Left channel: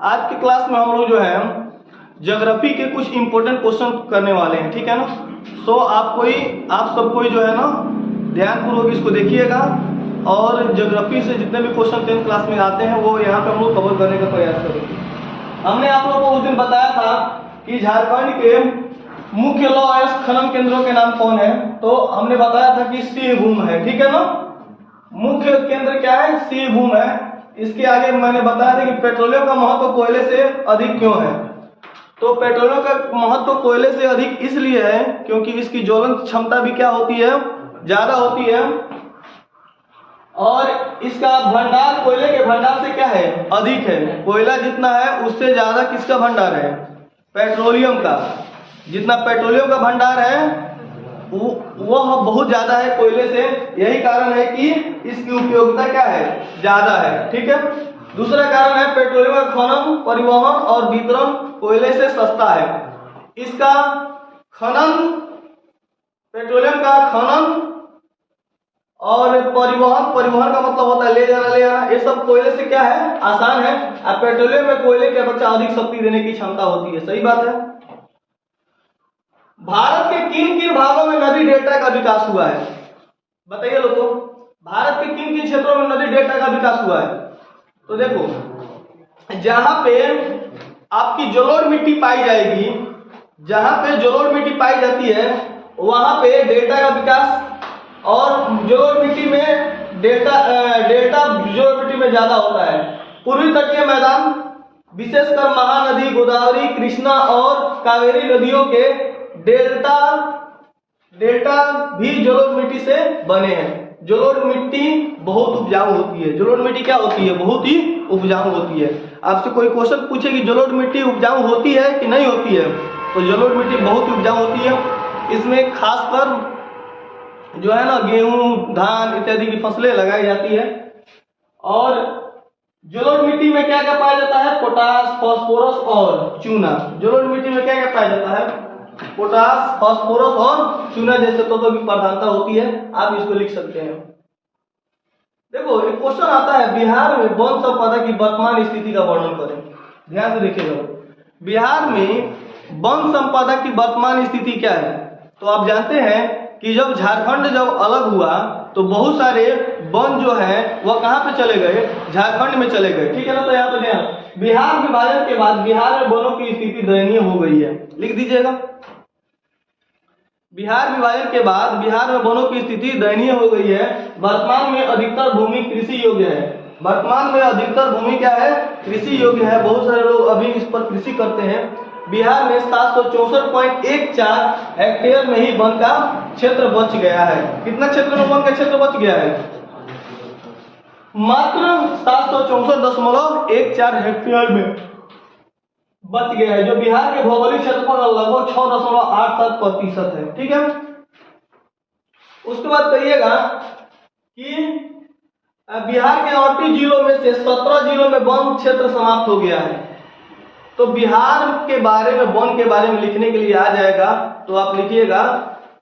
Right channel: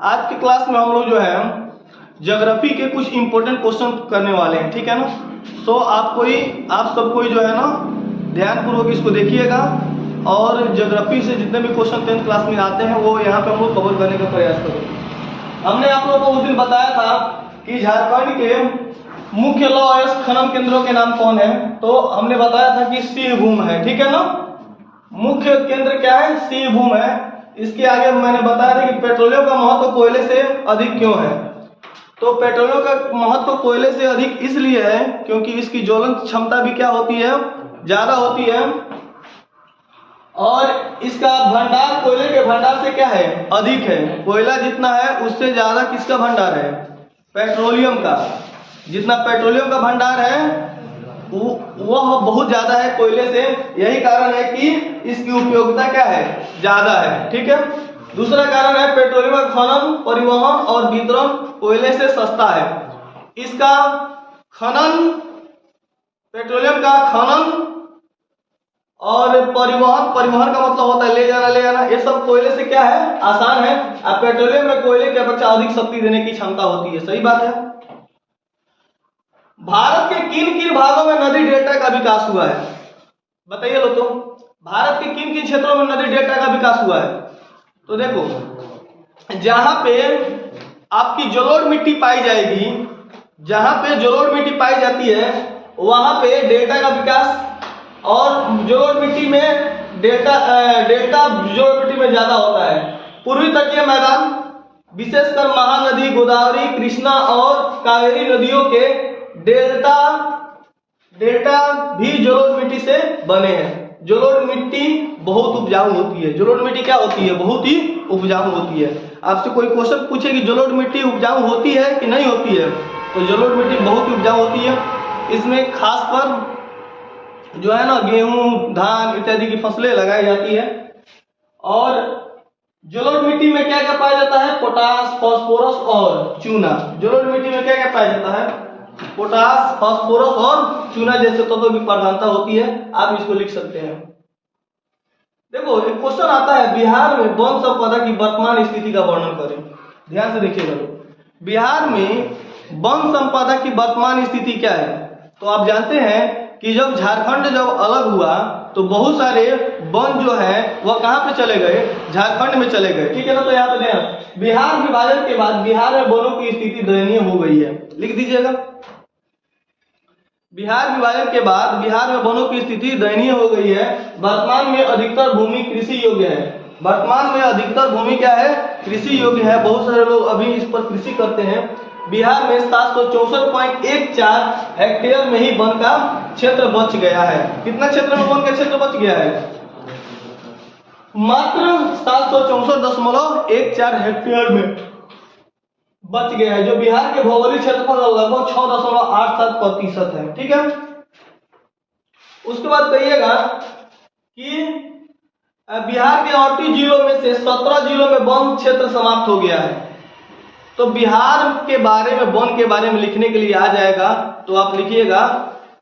आज के क्लास में हम लोग जो है ज्योग्राफी के कुछ इंपॉर्टेंट क्वेश्चन करने वाले हैं, ठीक है ना। सो आप सब कोई जो है ना ध्यानपूर्वक इसको देखिएगा और ज्योग्राफी से जितने भी क्वेश्चन 10th क्लास में आते हैं वो यहाँ पे हम लोग कवर करने का प्रयास करेंगे। हमने आप लोगों को उस दिन बताया था कि झारखंड के मुख्य लौह अयस्क खनन केंद्रों के नाम कौन है, तो हमने बताया था कि सिंहभूम है, ठीक है ना। मुख्य केंद्र क्या है? सिंहभूम है। इसके आगे मैंने बताया था कि पेट्रोलियम का महत्व कोयले से अधिक क्यों है। तो पेट्रोलियम का महत्व कोयले से अधिक इसलिए है क्योंकि इसकी ज्वलन क्षमता भी क्या होती है? ज्यादा होती है। और इसका भंडार कोयले के भंडार से क्या है? अधिक है। कोयला जितना है उससे ज्यादा किसका भंडार है? पेट्रोलियम का। जितना पेट्रोलियम का भंडार है वह बहुत ज्यादा है कोयले से। यही कारण है कि इसकी उपयोगिता क्या है? ज्यादा है, ठीक है। दूसरा कारण है पेट्रोलियम का खनन, परिवहन और वितरण कोयले से सस्ता है। इसका खनन, पेट्रोलियम का खनन और परिवहन का मतलब होता है ले जाना, ये सब कोयले से क्या है? आसान है। और पेट्रोलियम में कोयले की अपेक्षा अधिक शक्ति देने की क्षमता होती है। सही बात है। भारत के किन किन भागों में नदी डेल्टा का विकास हुआ है? बताइए लोगों, भारत के किन किन क्षेत्रों में नदी डेल्टा का विकास हुआ है? तो देखो, जहां पे आपकी जलोढ़ मिट्टी पाई जाएगी, जहां पे जलोढ़ मिट्टी पाई जाती है वहां पे डेल्टा का विकास, और जलोढ़ मिट्टी में डेल्टा जलोढ़ मिट्टी में ज्यादा होता है। पूर्वी तटीय मैदान विशेषकर महानदी गोदावरी, कृष्णा और कावेरी नदियों के डेल्टा भी जलोढ़ मिट्टी से बने हैं। जलोढ़ मिट्टी बहुत उपजाऊ होती है। जलोढ़ मिट्टी क्या होती है? बहुत ही उपजाऊ होती है। आपसे कोई क्वेश्चन पूछे कि जलोढ़ मिट्टी उपजाऊ होती है कि नहीं होती है, तो जलोढ़ मिट्टी बहुत ही उपजाऊ होती है। इसमें खासकर जो है ना गेहूं, धान इत्यादि की फसलें लगाई जाती है। और जलोढ़ मिट्टी में क्या क्या पाया जाता है? पोटास, फास्फोरस और चूना। जलोढ़ मिट्टी में क्या क्या पाया जाता है? पोटास, फास्फोरस और चूना जैसे तत्वों की प्रधानता होती है। आप इसको लिख सकते हैं। देखो, एक क्वेश्चन आता है, बिहार में वन संपदा की वर्तमान स्थिति का वर्णन करें। ध्यान से देखिएगा, बिहार में वन संपदा की वर्तमान स्थिति क्या है? तो आप जानते हैं कि जब झारखंड अलग हुआ तो बहुत सारे वन जो है वह कहाँ पे चले गए? झारखंड में चले गए, ठीक है ना। तो यहाँ पे ध्यान, बिहार विभाजन के बाद बिहार में वनों की स्थिति दयनीय हो गई है। लिख दीजिएगा, बिहार विभाजन के बाद बिहार में वनों की स्थिति दयनीय हो गई है। वर्तमान में अधिकतर भूमि कृषि योग्य है। वर्तमान में अधिकतर भूमि क्या है? कृषि योग्य है। बहुत सारे लोग अभी इस पर कृषि करते हैं। बिहार में 764.14 हेक्टेयर में ही वन का क्षेत्र बच गया है। कितना क्षेत्र में वन का क्षेत्र बच गया है? मात्र 764.14 हेक्टेयर में बच गया है, जो बिहार के भौगोलिक क्षेत्रफल का लगभग 6.87% है, ठीक है। उसके बाद कहिएगा कि बिहार के 38 जिलों में से 17 जिलों में वन क्षेत्र समाप्त हो गया है। तो बिहार के बारे में, वन के बारे में लिखने के लिए आ जाएगा, तो आप लिखिएगा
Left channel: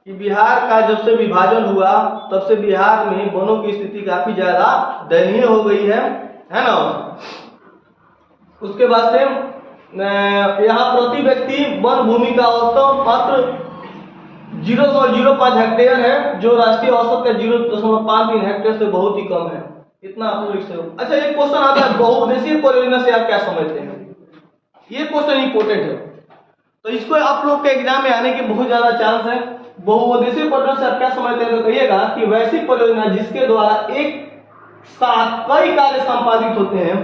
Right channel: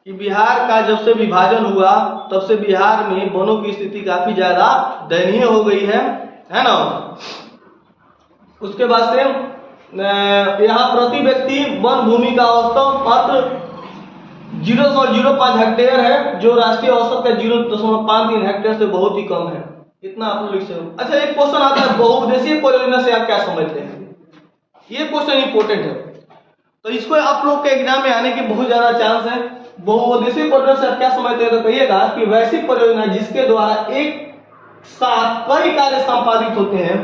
कि बिहार का जब से विभाजन हुआ तब से बिहार में वनों की स्थिति काफी ज्यादा दयनीय हो गई है ना। उसके बाद से यहाँ प्रति व्यक्ति वन भूमि का औसतन मात्र 0.05 हेक्टेयर है, जो राष्ट्रीय औसत का 0.53 हेक्टेयर से बहुत ही कम है। इतना आप लोग लिख सकते हो। अच्छा, एक क्वेश्चन आता है, बहुउद्देशीय परियोजना से आप क्या समझते हैं? ये क्वेश्चन इंपोर्टेंट है, तो इसको आप लोग के एग्जाम में आने की बहुत ज्यादा चांस है। बहुउद्देशीय परियोजना से आप क्या समझते हैं? तो कहिएगा कि वैसी परियोजना जिसके द्वारा एक साथ कई कार्य संपादित होते हैं,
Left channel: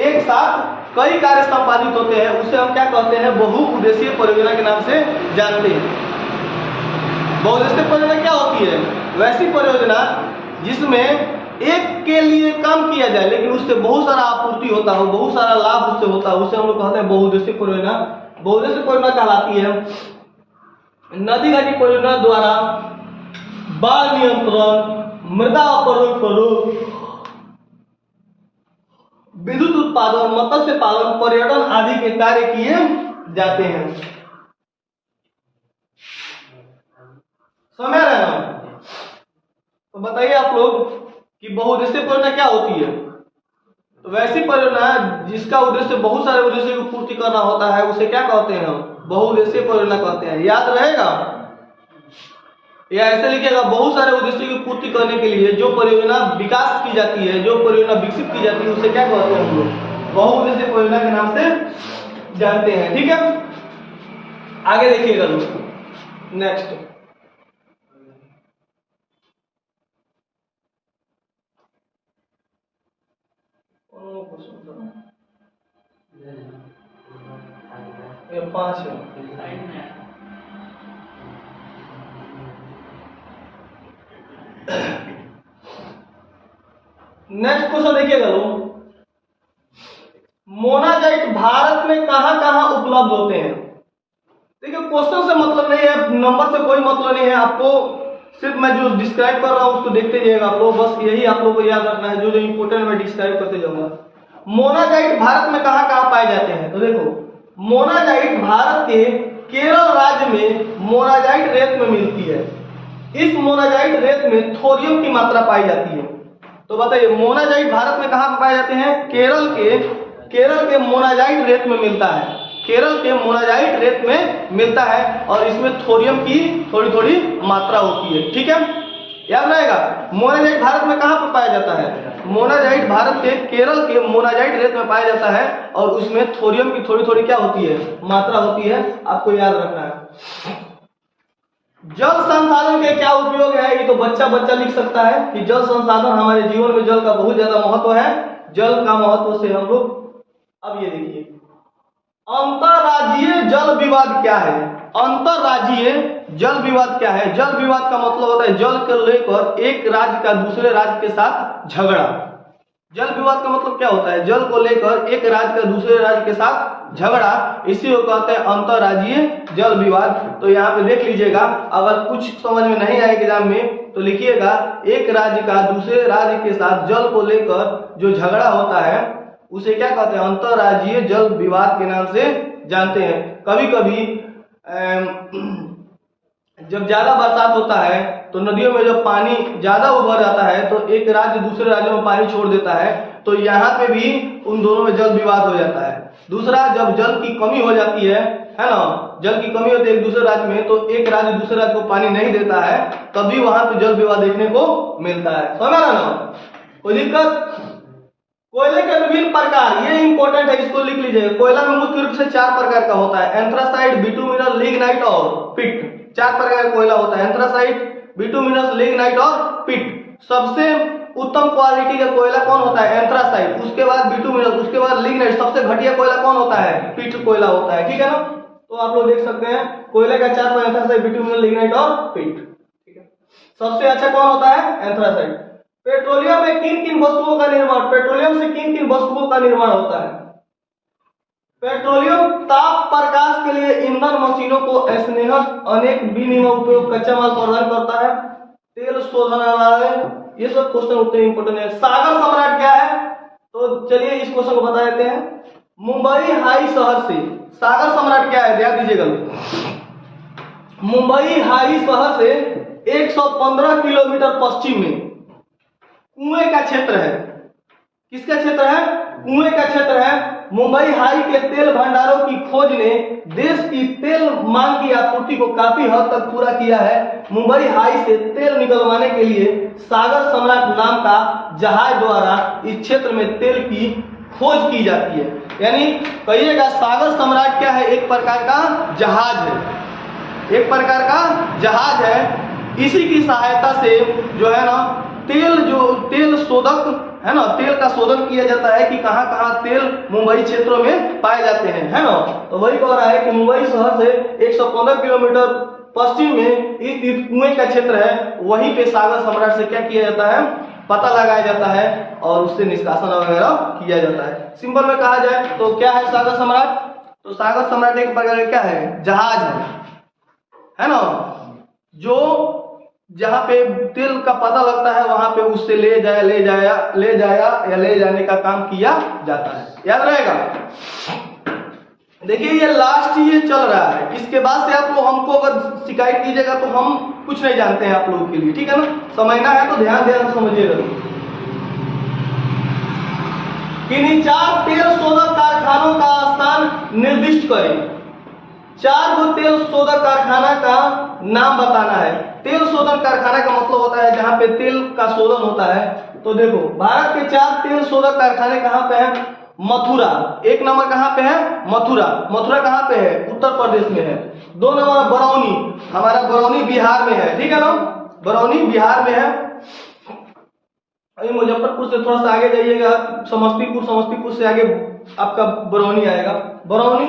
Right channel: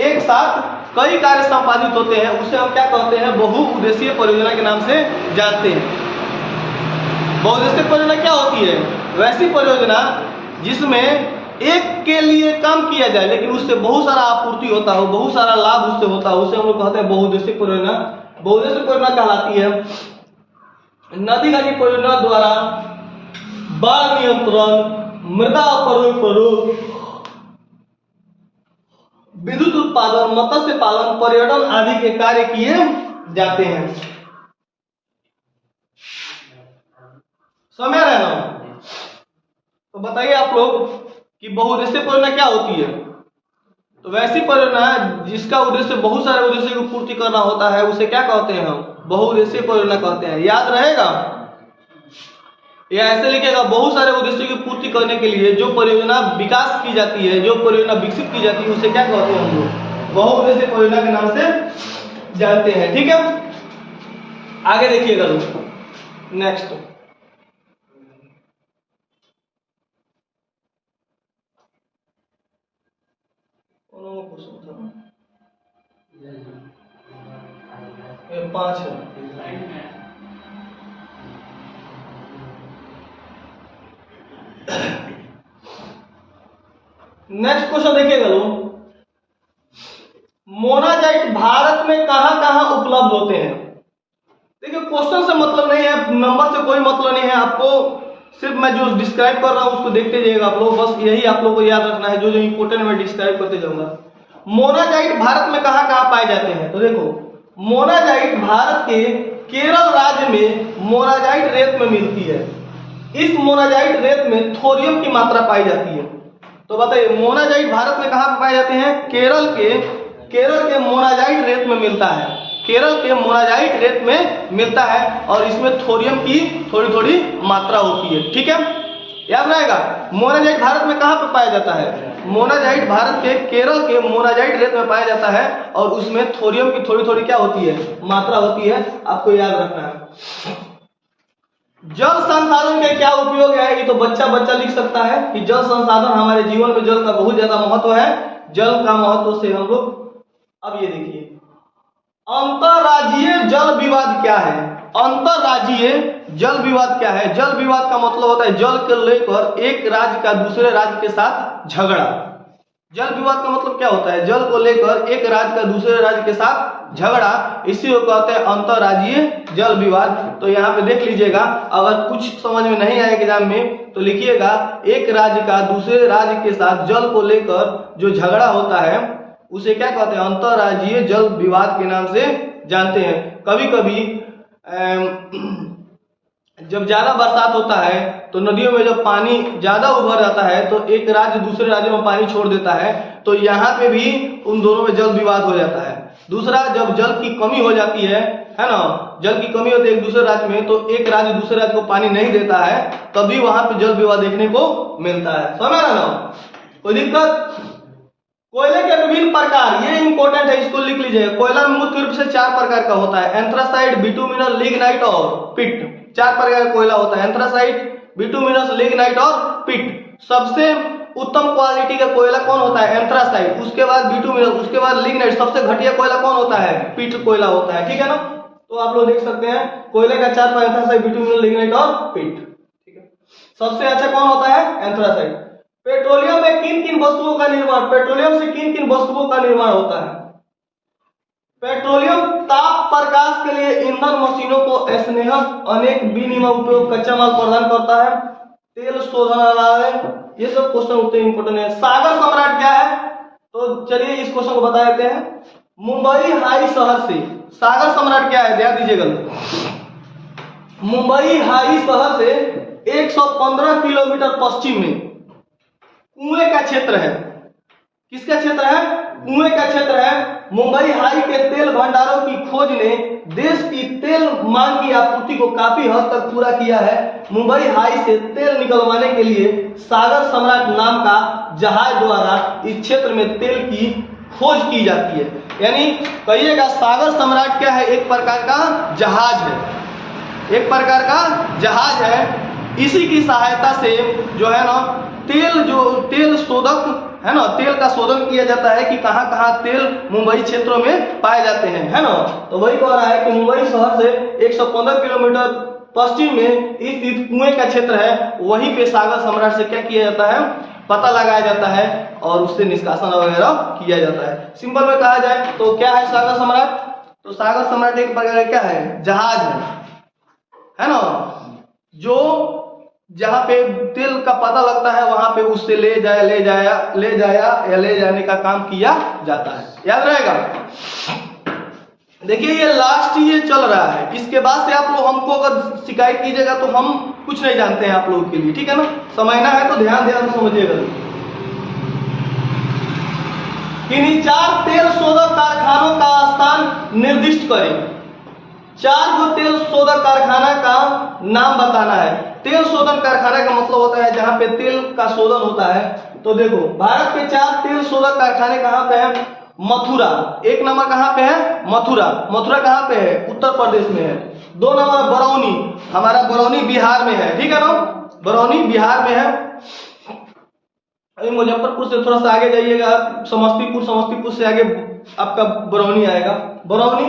एक साथ कई कार्य संपादित होते हैं, उसे हम क्या कहते हैं? बहुउद्देशीय परियोजना के नाम से जानते हैं। बहुउद्देशीय परियोजना क्या होती है? वैसी परियोजना जिसमें एक के लिए काम किया जाए लेकिन उससे बहुत सारा आपूर्ति होता हो, बहुत सारा लाभ उससे होता हो, उसे हम लोग कहते हैं बहुउद्देशीय परियोजना। बहुउद्देशीय परियोजना कहलाती है नदी घाटी परियोजना द्वारा बाढ़ नियंत्रण, मृदा प्रयोग, विद्युत उत्पादन, मत्स्य पालन, पर्यटन आदि के कार्य किए जाते हैं। समझ रहे हैं? तो बताइए आप लोग कि बहुउद्देशीय परियोजना क्या होती है? तो वैसी परियोजना जिसका उद्देश्य बहुत सारे उद्देश्य की पूर्ति करना होता है उसे क्या कहते हैं हम? बहुउद्देशीय परियोजना कहते हैं। याद रहेगा या ऐसे लिखेगा, बहुत सारे उद्देश्यों की पूर्ति करने के लिए जो परियोजना विकास की जाती है, जो परियोजना विकसित की जाती है उसे क्या कहते हैं हम लोग? बहुउद्देशीय परियोजना के नाम से जानते हैं। ठीक है, आगे देखिएगा दोस्तों। नेक्स्ट ये 5 है। नेक्स्ट क्वेश्चन देखिएगा लोग, मोनाजाइट भारत में कहां कहां उपलब्ध होते हैं? देखिए क्वेश्चन से मतलब नहीं है, नंबर से कोई मतलब नहीं है, आपको सिर्फ मैं जो डिस्क्राइब कर रहा हूं उसको देखते जाइएगा आप लोग, बस यही आप लोगों को याद रखना है, जो जो इंपोर्टेंट मैं डिस्क्राइब करते जाऊंगा। मोनाजाइट भारत में कहां कहां पाए जाते हैं? तो देखो, मोनाजाइट भारत के केरल राज्य में मोनाजाइट रेत में मिलती है। इस मोनाजाइट रेत में थोरियम की मात्रा पाई जाती है। तो बताइए मोनाजाइट भारत में कहां पर पाए जाते हैं? केरल के मोनाजाइट रेत में मिलता है। केरल के मोनाजाइट रेत में मिलता है और इसमें थोरियम की थोड़ी थोड़ी मात्रा होती है। ठीक है, याद रहेगा। मोनाजाइट भारत में कहां पर पाया जाता है? मोनाजाइट भारत के केरल के मोनाजाइट रेत में पाया जाता है और उसमें थोरियम की थोड़ी थोड़ी क्या होती है? मात्रा होती है, आपको याद रखना है। जल संसाधन के क्या उपयोग है? ये तो बच्चा लिख सकता है कि जल संसाधन, हमारे जीवन में जल का बहुत ज्यादा महत्व है। जल का महत्व से हम लोग, अब ये देखिए, अंतरराज्यीय जल विवाद क्या है? अंतरराज्यीय जल विवाद क्या है? जल विवाद का मतलब होता है जल को लेकर एक राज्य का दूसरे राज्य के साथ झगड़ा। जल विवाद का मतलब क्या होता है? जल को लेकर एक राज्य का दूसरे राज्य के साथ झगड़ा, इसी को कहते हैं अंतरराज्यीय जल विवाद। तो यहाँ पे देख लीजिएगा, अगर कुछ समझ में नहीं आए एग्जाम में तो लिखिएगा, एक राज्य का दूसरे राज्य के साथ जल को लेकर जो झगड़ा होता है उसे क्या कहते हैं? अंतरराज्यीय जल विवाद के नाम से जानते हैं। कभी कभी जब ज्यादा बरसात होता है तो नदियों में जब पानी ज्यादा उभर जाता है तो एक राज्य दूसरे राज्य में पानी छोड़ देता है, तो यहाँ पे भी उन दोनों में जल विवाद हो जाता है। दूसरा, जब जल की कमी हो जाती है ना, जल की कमी होती है एक दूसरे राज्य में, तो एक राज्य दूसरे राज्य को पानी नहीं देता है, तभी वहां पे जल विवाद देखने को मिलता है। समझ ना? कोई दिक्कत? कोयले के विभिन्न प्रकार, ये इंपॉर्टेंट है, इसको लिख लीजिएगा। कोयला मुख्य रूप से 4 प्रकार का होता है, एंथ्रासाइट, बिटुमिनस, लिग्नाइट और पिट। 4 प्रकार का कोयला होता है, एंथ्रासाइट, बिटुमिनस, लिग्नाइट और पिट। सबसे उत्तम क्वालिटी का कोयला कौन होता है? एंथ्रासाइट, उसके बाद बिटुमिनस, उसके बाद लिग्नाइट। सबसे घटिया कोयला कौन होता है? पिट कोयला होता है। ठीक है ना? तो आप लोग देख सकते हैं कोयले का 4 प्रकार, एंथ्रासाइट, बिटुमिनस, लिग्नाइट और पिट। ठीक है, सबसे अच्छा कौन होता है? एंथ्रासाइट। पेट्रोलियम में किन किन वस्तुओं का निर्माण, पेट्रोलियम से किन किन वस्तुओं का निर्माण होता है? पेट्रोलियम ताप प्रकाश के लिए ईंधन, मशीनों को स्नेहन, अनेक विनिमय उपयोग, कच्चा माल प्रदान करता है, तेल शोधनालय। ये सब क्वेश्चन उतने इंपोर्टेंट है। सागर सम्राट क्या है? तो चलिए इस क्वेश्चन को बता देते हैं। मुंबई हाई शहर से सागर सम्राट क्या है? ध्यान दीजिएगा, मुंबई हाई शहर से 115 किलोमीटर पश्चिम में कुएं का क्षेत्र है। किसका क्षेत्र है? कुएं का क्षेत्र है। मुंबई हाई के तेल भंडारों की खोज ने देश की तेल मांग की आपूर्ति को काफी हद तक पूरा किया है। मुंबई हाई से तेल निकलवाने के लिए सागर सम्राट नाम का जहाज द्वारा इस क्षेत्र में तेल की खोज की जाती है। यानी कहिएगा सागर सम्राट क्या है? एक प्रकार का जहाज है, एक प्रकार का जहाज है। इसी की सहायता से जो है ना तेल शोधक है ना, तेल का शोधन किया जाता है कि कहां कहां तेल मुंबई क्षेत्रों में पाए जाते हैं, है ना। तो वही कह रहा है कि मुंबई शहर से 115 किलोमीटर पश्चिम में इस कुएं का क्षेत्र है, वहीं पे सागर सम्राट से क्या किया जाता है? पता लगाया जाता है और उससे निष्कासन वगैरह किया जाता है। सिंपल में कहा जाए तो क्या है सागर सम्राट? तो सागर सम्राट एक प्रकार क्या है? जहाज है ना, जो जहां पे तेल का पता लगता है वहां पे उससे ले जाने का काम किया जाता है। याद रहेगा। देखिए ये लास्ट ये चल रहा है, इसके बाद से आप लोग हमको अगर शिकायत कीजिएगा तो हम कुछ नहीं जानते हैं आप लोगों के लिए। ठीक है ना? समझना है तो ध्यान से समझिएगा। किन्हीं 4 तेल शोधक कारखानों का स्थान निर्दिष्ट करें। 4 गो तेल शोधक कारखाना का नाम बताना है। तेल शोधन कारखाना का मतलब होता है जहां पे तेल का शोधन होता है। तो देखो भारत के 4 तेल शोधक कारखाने कहां पे है? मथुरा, 1 नंबर कहां पे है? मथुरा। मथुरा कहां पे है? उत्तर प्रदेश में है। 2 नंबर बरौनी, हमारा बरौनी बिहार में है, ठीक है ना, बरौनी बिहार में है। अभी मुजफ्फरपुर से थोड़ा सा आगे जाइएगा, समस्तीपुर, समस्तीपुर से आगे आपका बरौनी आएगा। बरौनी,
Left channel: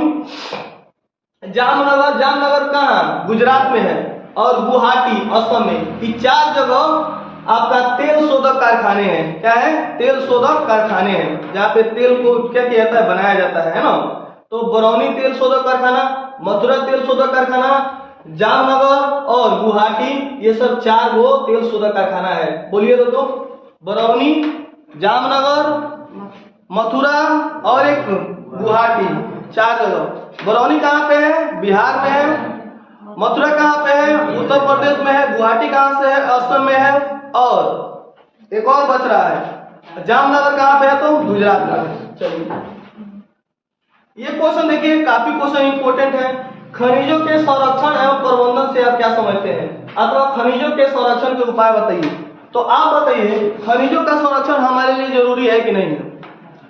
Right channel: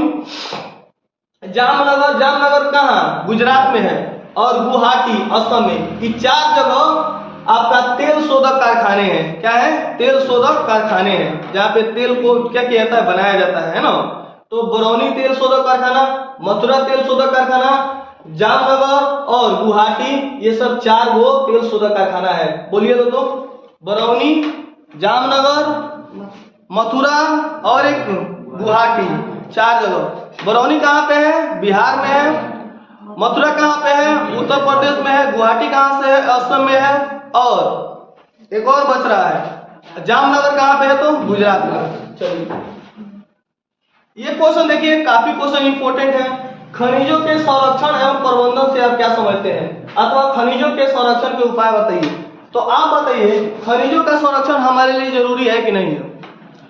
जामनगर, जामनगर कहाँ? गुजरात में है, और गुवाहाटी असम में। ये 4 जगह आपका तेल शोधक कारखाने हैं। क्या है? तेल शोधक कारखाने हैं, जहाँ पे तेल को क्या किया जाता है? बनाया जाता है ना। तो बरौनी तेल शोधक कारखाना, मथुरा तेल शोधक कारखाना, जामनगर और गुवाहाटी, ये सब 4 गो तेल शोधक कारखाना है। बोलिए तो बरौनी, जामनगर, मथुरा और एक गुवाहाटी, 4 जगह। बरौनी कहाँ पे है? बिहार में है। मथुरा कहाँ पे है? उत्तर प्रदेश में है। गुवाहाटी कहाँ से है? असम में है। और एक और बच रहा है, जामनगर कहाँ पे है? तो गुजरात में। चलिए ये क्वेश्चन देखिए, काफी क्वेश्चन इंपोर्टेंट है। खनिजों के संरक्षण एवं प्रबंधन से आप क्या समझते हैं, अथवा खनिजों के संरक्षण के उपाय बताइए। तो आप बताइए, खनिजों का संरक्षण हमारे लिए जरूरी है कि नहीं है?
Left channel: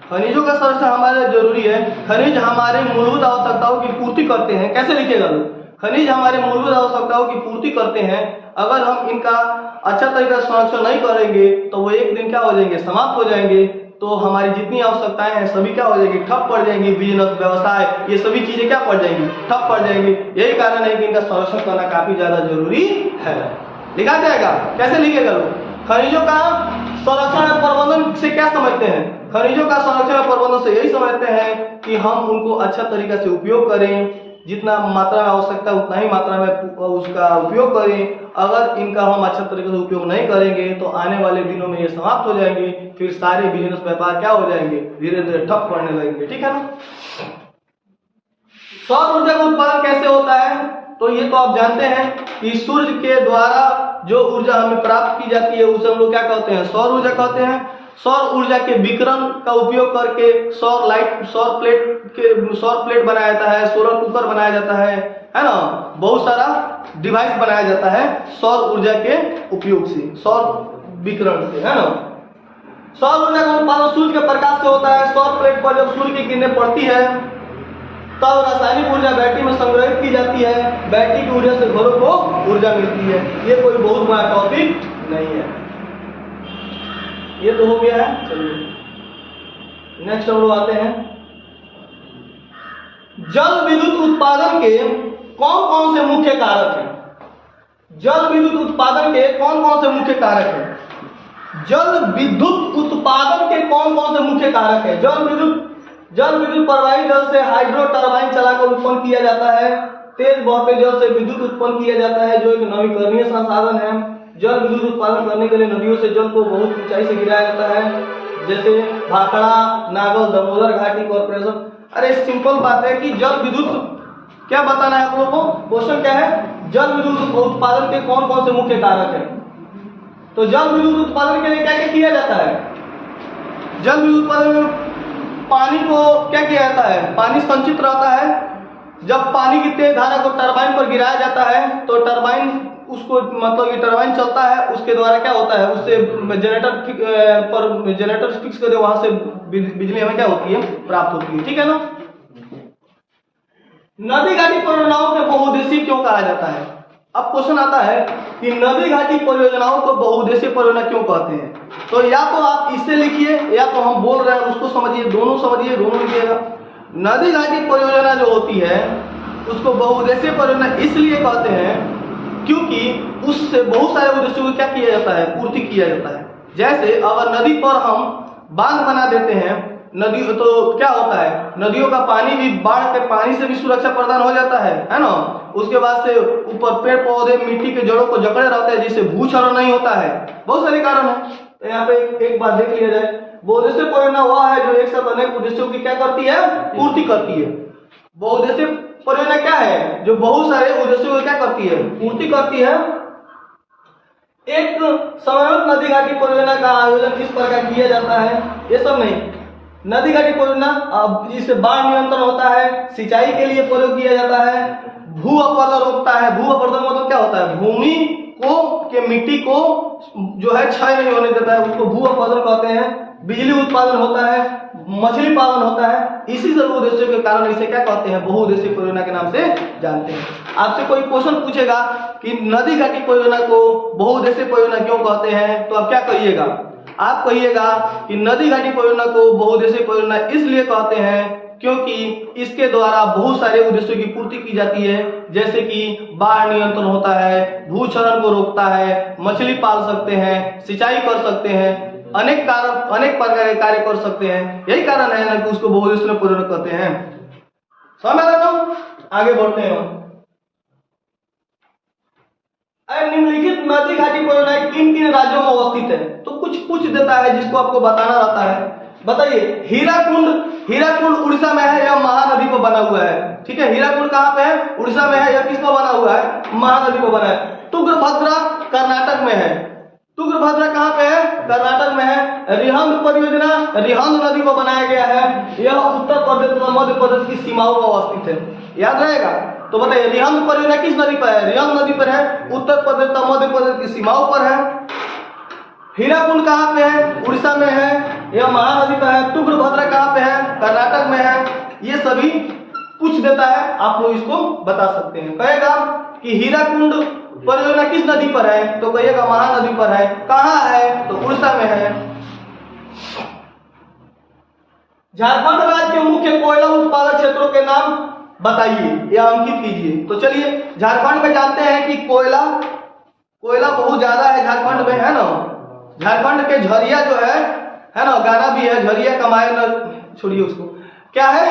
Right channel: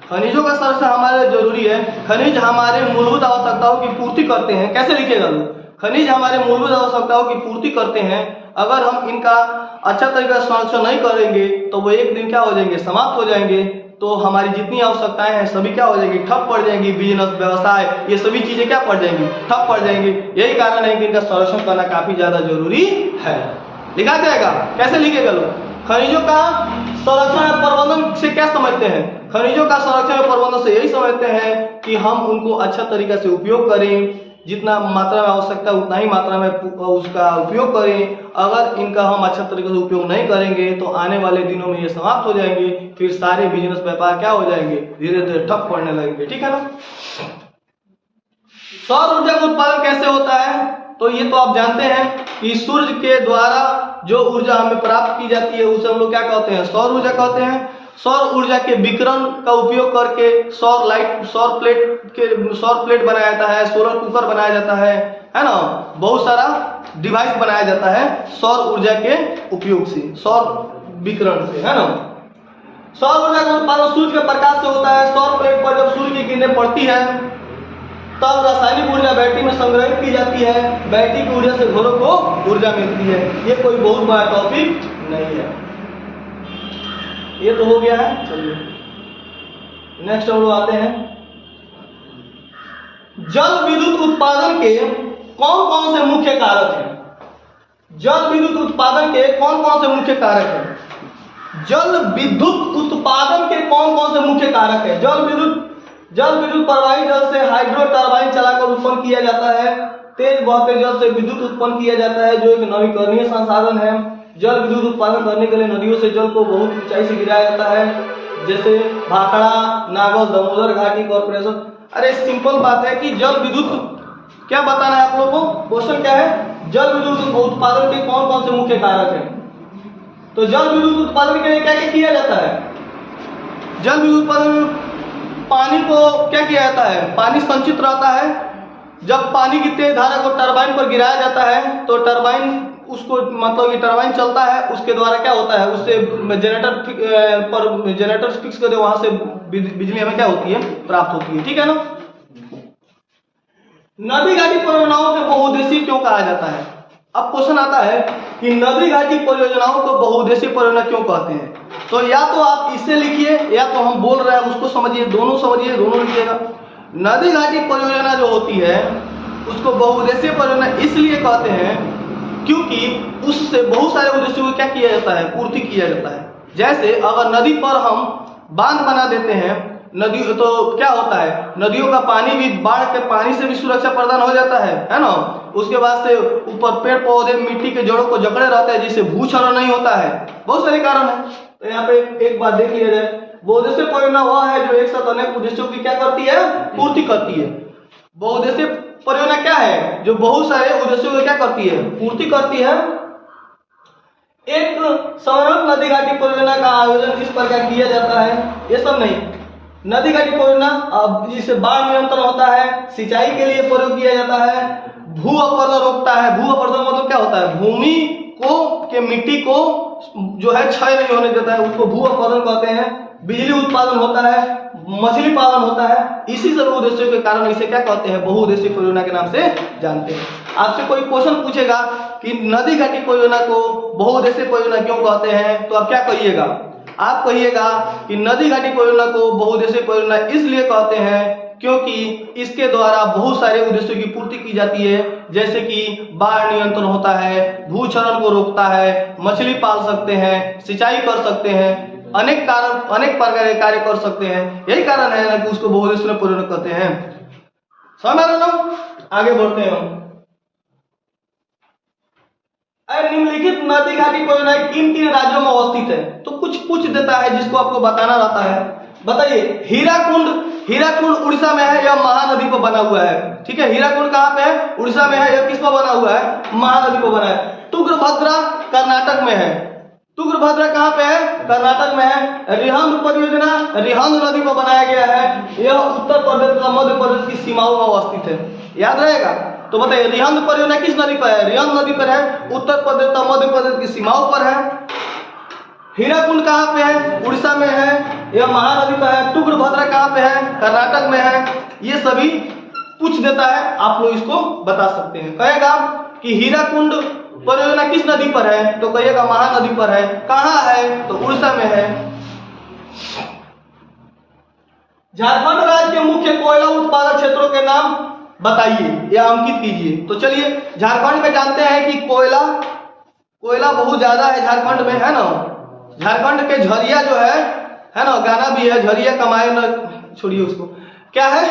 खनिजों का संरक्षण हमारे लिए जरूरी है। खनिज हमारे मूलभूत आवश्यकताओं की पूर्ति करते हैं। कैसे लिखेगा लोग? खनिज हमारे मूलभूत आवश्यकताओं की पूर्ति करते हैं। अगर हम इनका अच्छा तरीका से संरक्षण नहीं करेंगे तो वो एक दिन क्या हो जाएंगे? समाप्त हो जाएंगे। तो हमारी जितनी आवश्यकताएं हैं सभी क्या हो जाएंगी? ठप पड़ जाएंगी। बिजनेस, व्यवसाय, ये सभी चीजें क्या पड़ जाएंगी? ठप पड़ जाएंगी। यही कारण है कि इनका संरक्षण करना काफी ज्यादा जरूरी है। लिखा जाएगा, कैसे लिखेगा लोग? खनिजों का संरक्षण और प्रबंधन से क्या समझते हैं? खनिजों का संरक्षण और प्रबंधन से यही समझते हैं कि हम उनको अच्छा तरीका से उपयोग करें, जितना मात्रा में आवश्यकता उतना ही मात्रा में उसका उपयोग करें। अगर इनका हम अच्छा तरीके से उपयोग नहीं करेंगे तो आने वाले दिनों में ये समाप्त हो जाएंगे। फिर सारे बिजनेस व्यापार क्या हो जाएंगे? धीरे धीरे ठप पड़ने लगेंगे, ठीक है ना। सौर ऊर्जा का उत्पादन कैसे होता है? तो ये तो आप जानते हैं कि सूर्य के द्वारा जो ऊर्जा हमें प्राप्त की जाती है उसे हम लोग क्या कहते हैं? सौर ऊर्जा कहते हैं। सौर ऊर्जा के विकिरण का उपयोग करके सौर प्लेट बनाया जाता है, सोलर कुकर बनाया जाता है ना। बहुत सारा डिवाइस बनाया जाता है सौर ऊर्जा के उपयोग से, सौर विकिरण से, है ना। सौर ऊर्जा का उत्पादन सूर्य के प्रकाश से होता है। सौर प्लेट पर जब सूर्य की किरणें पड़ती है तब रासायनिक ऊर्जा बैटरी में संग्रहित की जाती है। बैटरी की ऊर्जा से घरों को ऊर्जा मिलती है। ये कोई बहुत बड़ा टॉपिक नहीं है। ये तो हो गया है। चलिए नेक्स्ट हम लोग आते हैं, जल विद्युत उत्पादन के कौन कौन से मुख्य कारक हैं? जल विद्युत उत्पादन के कौन कौन से मुख्य कारक हैं? जल विद्युत उत्पादन के कौन कौन से मुख्य कारक है? जल विद्युत प्रवाही जल से हाइड्रो टरबाइन चलाकर उत्पन्न किया जाता है। तेज बहते जल से विद्युत उत्पन्न किया जाता है जो एक नवीकरणीय संसाधन है। जल विद्युत उत्पादन करने के लिए नदियों से जल को बहुत ऊंचाई से गिराया जाता है, जैसे भाखड़ा, नागल, दामोदर घाटी कॉर्पोरेशन। अरे सिंपल बात है कि जल विद्युत क्या बताना है आप लोगों को? क्वेश्चन क्या है? जल विद्युत उत्पादन के कौन कौन से मुख्य कारक हैं? तो जल विद्युत उत्पादन के लिए क्या क्या किया जाता है? जल विद्युत उत्पादन में पानी को क्या किया जाता है? पानी संचित रहता है। जब पानी की तेज धारा को टरबाइन पर गिराया जाता है तो टरबाइन उसको मतलब ये टरबाइन चलता है, उसके द्वारा क्या होता है? उससे जनरेटर फिक्स कर दे, वहां से बिजली हमें क्या होती है? प्राप्त होती है, ठीक है ना। नदी घाटी परियोजनाओं को बहुउद्देशीय क्यों कहा जाता है? अब क्वेश्चन आता है कि नदी घाटी परियोजनाओं को बहुउद्देशीय परियोजना क्यों कहते हैं? तो या तो आप इसे लिखिए या तो हम बोल रहे हैं उसको समझिए, दोनों समझिए, दोनों लिखिएगा। नदी घाटी परियोजना जो होती है उसको बहुउद्देशीय परियोजना इसलिए कहते हैं क्योंकि उससे बहुत सारे उद्देश्यों को क्या किया जाता है? पूर्ति किया जाता है। जैसे अगर नदी पर हम बांध बना देते हैं, नदी तो क्या होता है? नदियों का पानी भी, बाढ़ के पानी से भी सुरक्षा प्रदान हो जाता है ना। उसके बाद से ऊपर पेड़ पौधे मिट्टी के जड़ों को जकड़े रहते हैं जिससे भूक्षरण नहीं होता है। बहुत सारे कारण है। तो यहाँ पे एक बात देख लिया जाए, बहुउद्देशीय परियोजना वह है जो एक साथ अनेक उद्देश्यों की क्या करती है? पूर्ति करती है। बहुउद्देशीय परियोजना क्या है? जो बहुत सारे उद्देश्यों को क्या करती है? पूर्ति करती है। एक समर्पित नदी घाटी परियोजना का आयोजन किस प्रकार किया जाता है? ये सब नहीं, नदी घाटी परियोजना अब जिससे बाढ़ नियंत्रण होता है, सिंचाई के लिए प्रयोग किया जाता है, भू अपरदन रोकता है। भू अपरदन मतलब क्या होता है? भूमि को के मिट्टी को जो है क्षय नहीं होने देता है, उसको भू अपरदन कहते हैं। बिजली उत्पादन होता है, मछली पालन होता है। इसी सब उद्देश्यों के कारण इसे क्या कहते हैं? बहुउद्देशीय परियोजना के नाम से जानते हैं। आपसे कोई क्वेश्चन पूछेगा कि नदी घाटी परियोजना को बहुउद्देशीय परियोजना क्यों कहते हैं, तो आप क्या कहिएगा? आप कहिएगा कि नदी घाटी परियोजना को बहुउद्देशीय परियोजना इसलिए कहते हैं क्योंकि इसके द्वारा बहुत सारे उद्देश्यों की पूर्ति की जाती है, जैसे कि बाढ़ नियंत्रण होता है, भूक्षरण को रोकता है, मछली पाल सकते हैं, सिंचाई कर सकते हैं, अनेक प्रकार के कार्य कर सकते हैं। यही कारण है ना कि उसको बहुउद्देशीय परियोजना कहते हैं। समझ आ रहा है? आगे बढ़ते हैं हम। निम्नलिखित नदी घाटी परियोजना किन किन राज्यों में अवस्थित है? तो कुछ देता है जिसको आपको बताना रहता है। बताइए, हीराकुंड उड़ीसा में है या महानदी पर बना हुआ है? ठीक है, हीराकुंड कहाँ पे है? उड़ीसा में है या किस पर बना हुआ है? महानदी पर बना है। तुंगभद्रा कर्नाटक में है। तुंगभद्रा कहाँ पे है? कर्नाटक में है। रिहंद परियोजना रिहंद नदी पर बनाया गया है। यह उत्तर प्रदेश तथा मध्य प्रदेश की सीमाओं में अवस्थित है। याद रहेगा? तो बताइए, रिहंद परियोजना किस नदी पर है? रिहंद नदी पर है, उत्तर प्रदेश तथा मध्य प्रदेश की सीमाओं पर है। हीराकुंड कहाँ पे है? उड़ीसा में है, यह महानदी पर है। तुंगभद्रा कहाँ पे है? कर्नाटक में है। ये सभी पूछ देता है, आप लोग इसको बता सकते हैं। कहेगा कि हीराकुंड परियोजना किस नदी पर है? तो कहिएगा महानदी पर है। कहाँ है? तो उड़ीसा में है। झारखंड राज्य के मुख्य कोयला उत्पादक क्षेत्रों के नाम बताइए या अंकित कीजिए। तो चलिए, झारखंड में जानते हैं कि कोयला बहुत ज्यादा है झारखंड में, है ना। झारखंड पे झरिया जो है ना, गाना भी है, झरिया कमाए न, छोड़िए उसको। क्या है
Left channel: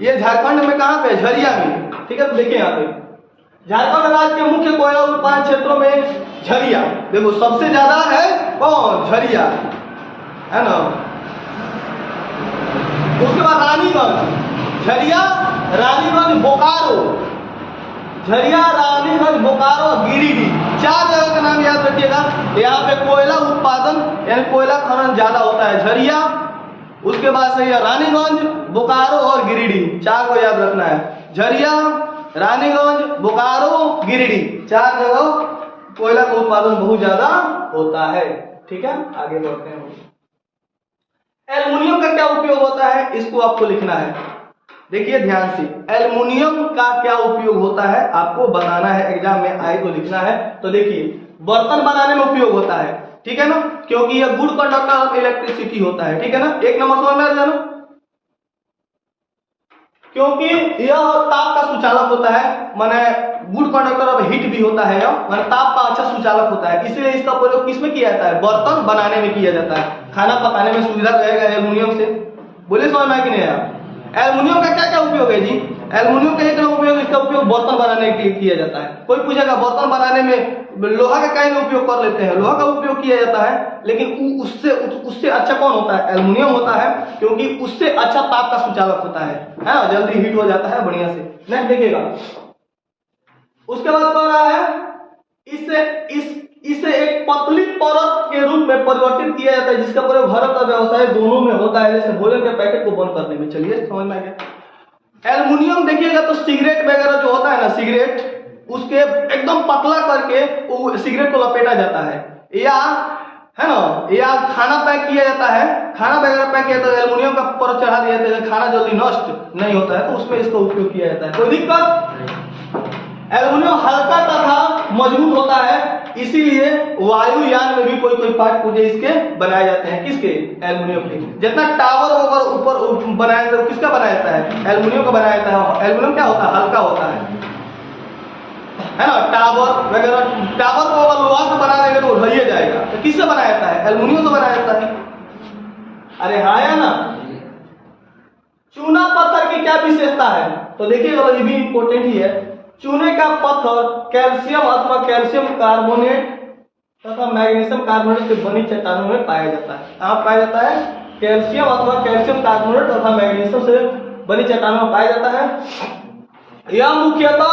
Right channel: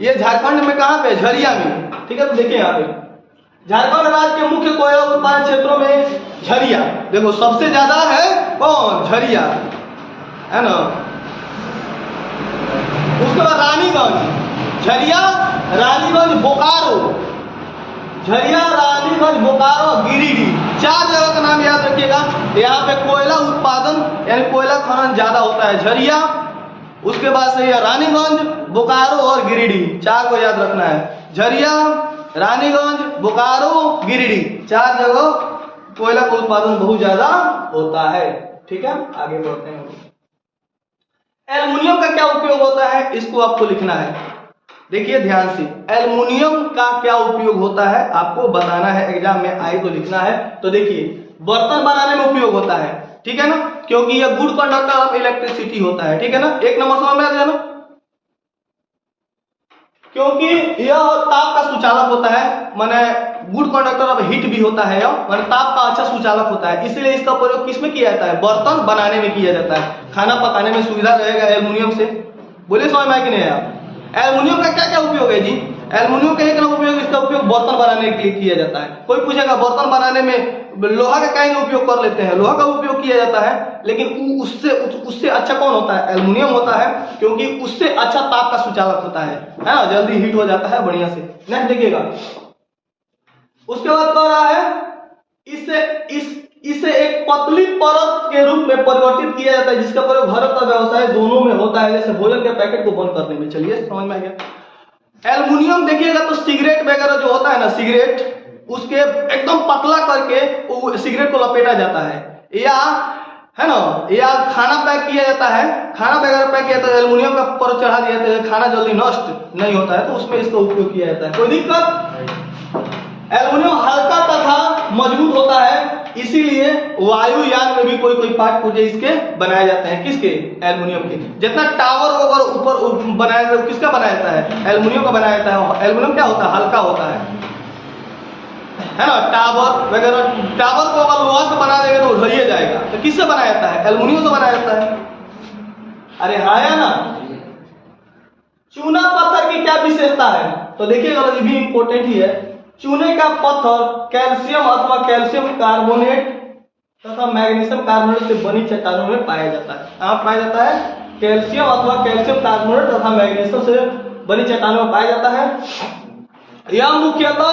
ये? झारखंड में कहाँ पे? झरिया में। ठीक है, तो देखिए यहाँ पे झारखंड राज्य के मुख्य कोयला उत्पादन क्षेत्रों में झरिया, देखो सबसे ज्यादा है कौन? झरिया, है ना। उसके बाद रानीगंज, झरिया, रानीगंज, बोकारो, झरिया, रानीगंज, बोकारो, गिरिडीह, 4 जगह का नाम याद रखिएगा। यहाँ पे कोयला उत्पादन यानी कोयला खनन ज्यादा होता है। झरिया, उसके बाद से रानीगंज, बोकारो और गिरिडीह, 4 को याद रखना है। झरिया, रानीगंज, बोकारो, गिरिडीह, 4 जगह कोयला का उत्पादन बहुत ज्यादा होता है। ठीक है, आगे बढ़ते हैं। एल्युमिनियम का क्या उपयोग होता है, इसको आपको लिखना है। देखिए ध्यान से, एल्युमिनियम का क्या उपयोग होता है आपको बताना है, एग्जाम में आए तो लिखना है। तो देखिए, बर्तन बनाने में उपयोग होता है, ठीक है ना, क्योंकि यह गुड कंडक्टर ऑफ इलेक्ट्रिसिटी होता है। ठीक है ना, 1 नंबर समझ में आ रहा है ना, क्योंकि यह ताप का सुचालक होता है, माने गुड कंडक्टर ऑफ हीट भी होता है, माने ताप का अच्छा सुचालक होता है। इसलिए इसका प्रयोग किसमें किया जाता है? बर्तन बनाने में किया जाता है। खाना पकाने में सुविधा रहेगा एल्युमिनियम से। बोलिए समझ में आया कि नहीं आया? एल्युमिनियम का क्या क्या उपयोग है जी? एल्युमिनियम का एक उपयोग, इसका उपयोग बर्तन बनाने के लिए किया जाता है। कोई पूछेगा बर्तन बनाने में लोहा का क्या उपयोग कर लेते हैं? लोहा का उपयोग किया जाता है, लेकिन उससे अच्छा कौन होता है? एल्युमिनियम होता है, क्योंकि उससे अच्छा ताप का सुचालक होता है ना, जल्दी हीट हो जाता है बढ़िया से। नेक्स्ट देखिएगा, उसके बाद कह रहा है इसे एक पतली परत के रूप में परिवर्तित किया जाता है, जिसका प्रयोग घर का व्यवसाय दोनों में होता है, जैसे भोजन के पैकेट को बंद करने में। चलिए समझ में आ गया। एल्युमिनियम देखिएगा तो सिगरेट वगैरह जो होता है ना, सिगरेट उसके एकदम पतला करके वो सिगरेट को लपेटा जाता है, या है ना, या खाना पैक किया जाता है, खाना वगैरह पैक किया जाता है, एल्युमिनियम का परत चढ़ा दिया जाता है, खाना जल्दी नष्ट नहीं होता है, तो उसमें इसका उपयोग किया जाता है। कोई दिक्कत? एल्युमिनियम हल्का तथा मजबूत होता है, इसीलिए वायुयान में भी कोई पार्ट पुर्जे इसके बनाए जाते हैं। किसके? एल्युमिनियम के। जितना टावर वगैरह ऊपर बनाया जाता है, किसका बनाया जाता है? एल्युमिनियम का बनाया जाता है। एल्युमिनियम क्या होता है? हल्का होता है ना। टावर वगैरह, टावर को अगर लोहा से बना देंगे तो उधड़िए जाएगा, तो किससे बनाया जाता है? एल्युमिनियम से बनाया जाता है। अरे हाँ या ना। चूना पत्थर की क्या विशेषता है? तो देखिएगा, ये भी इंपॉर्टेंट ही है। चूने का पत्थर कैल्शियम अथवा कैल्शियम कार्बोनेट तथा मैग्नीशियम कार्बोनेट से बनी चट्टानों में पाया जाता है। कहाँ पाया जाता है? कैल्शियम अथवा कैल्शियम कार्बोनेट तथा मैग्नीशियम से बनी चट्टानों में पाया जाता है। यह मुख्यतः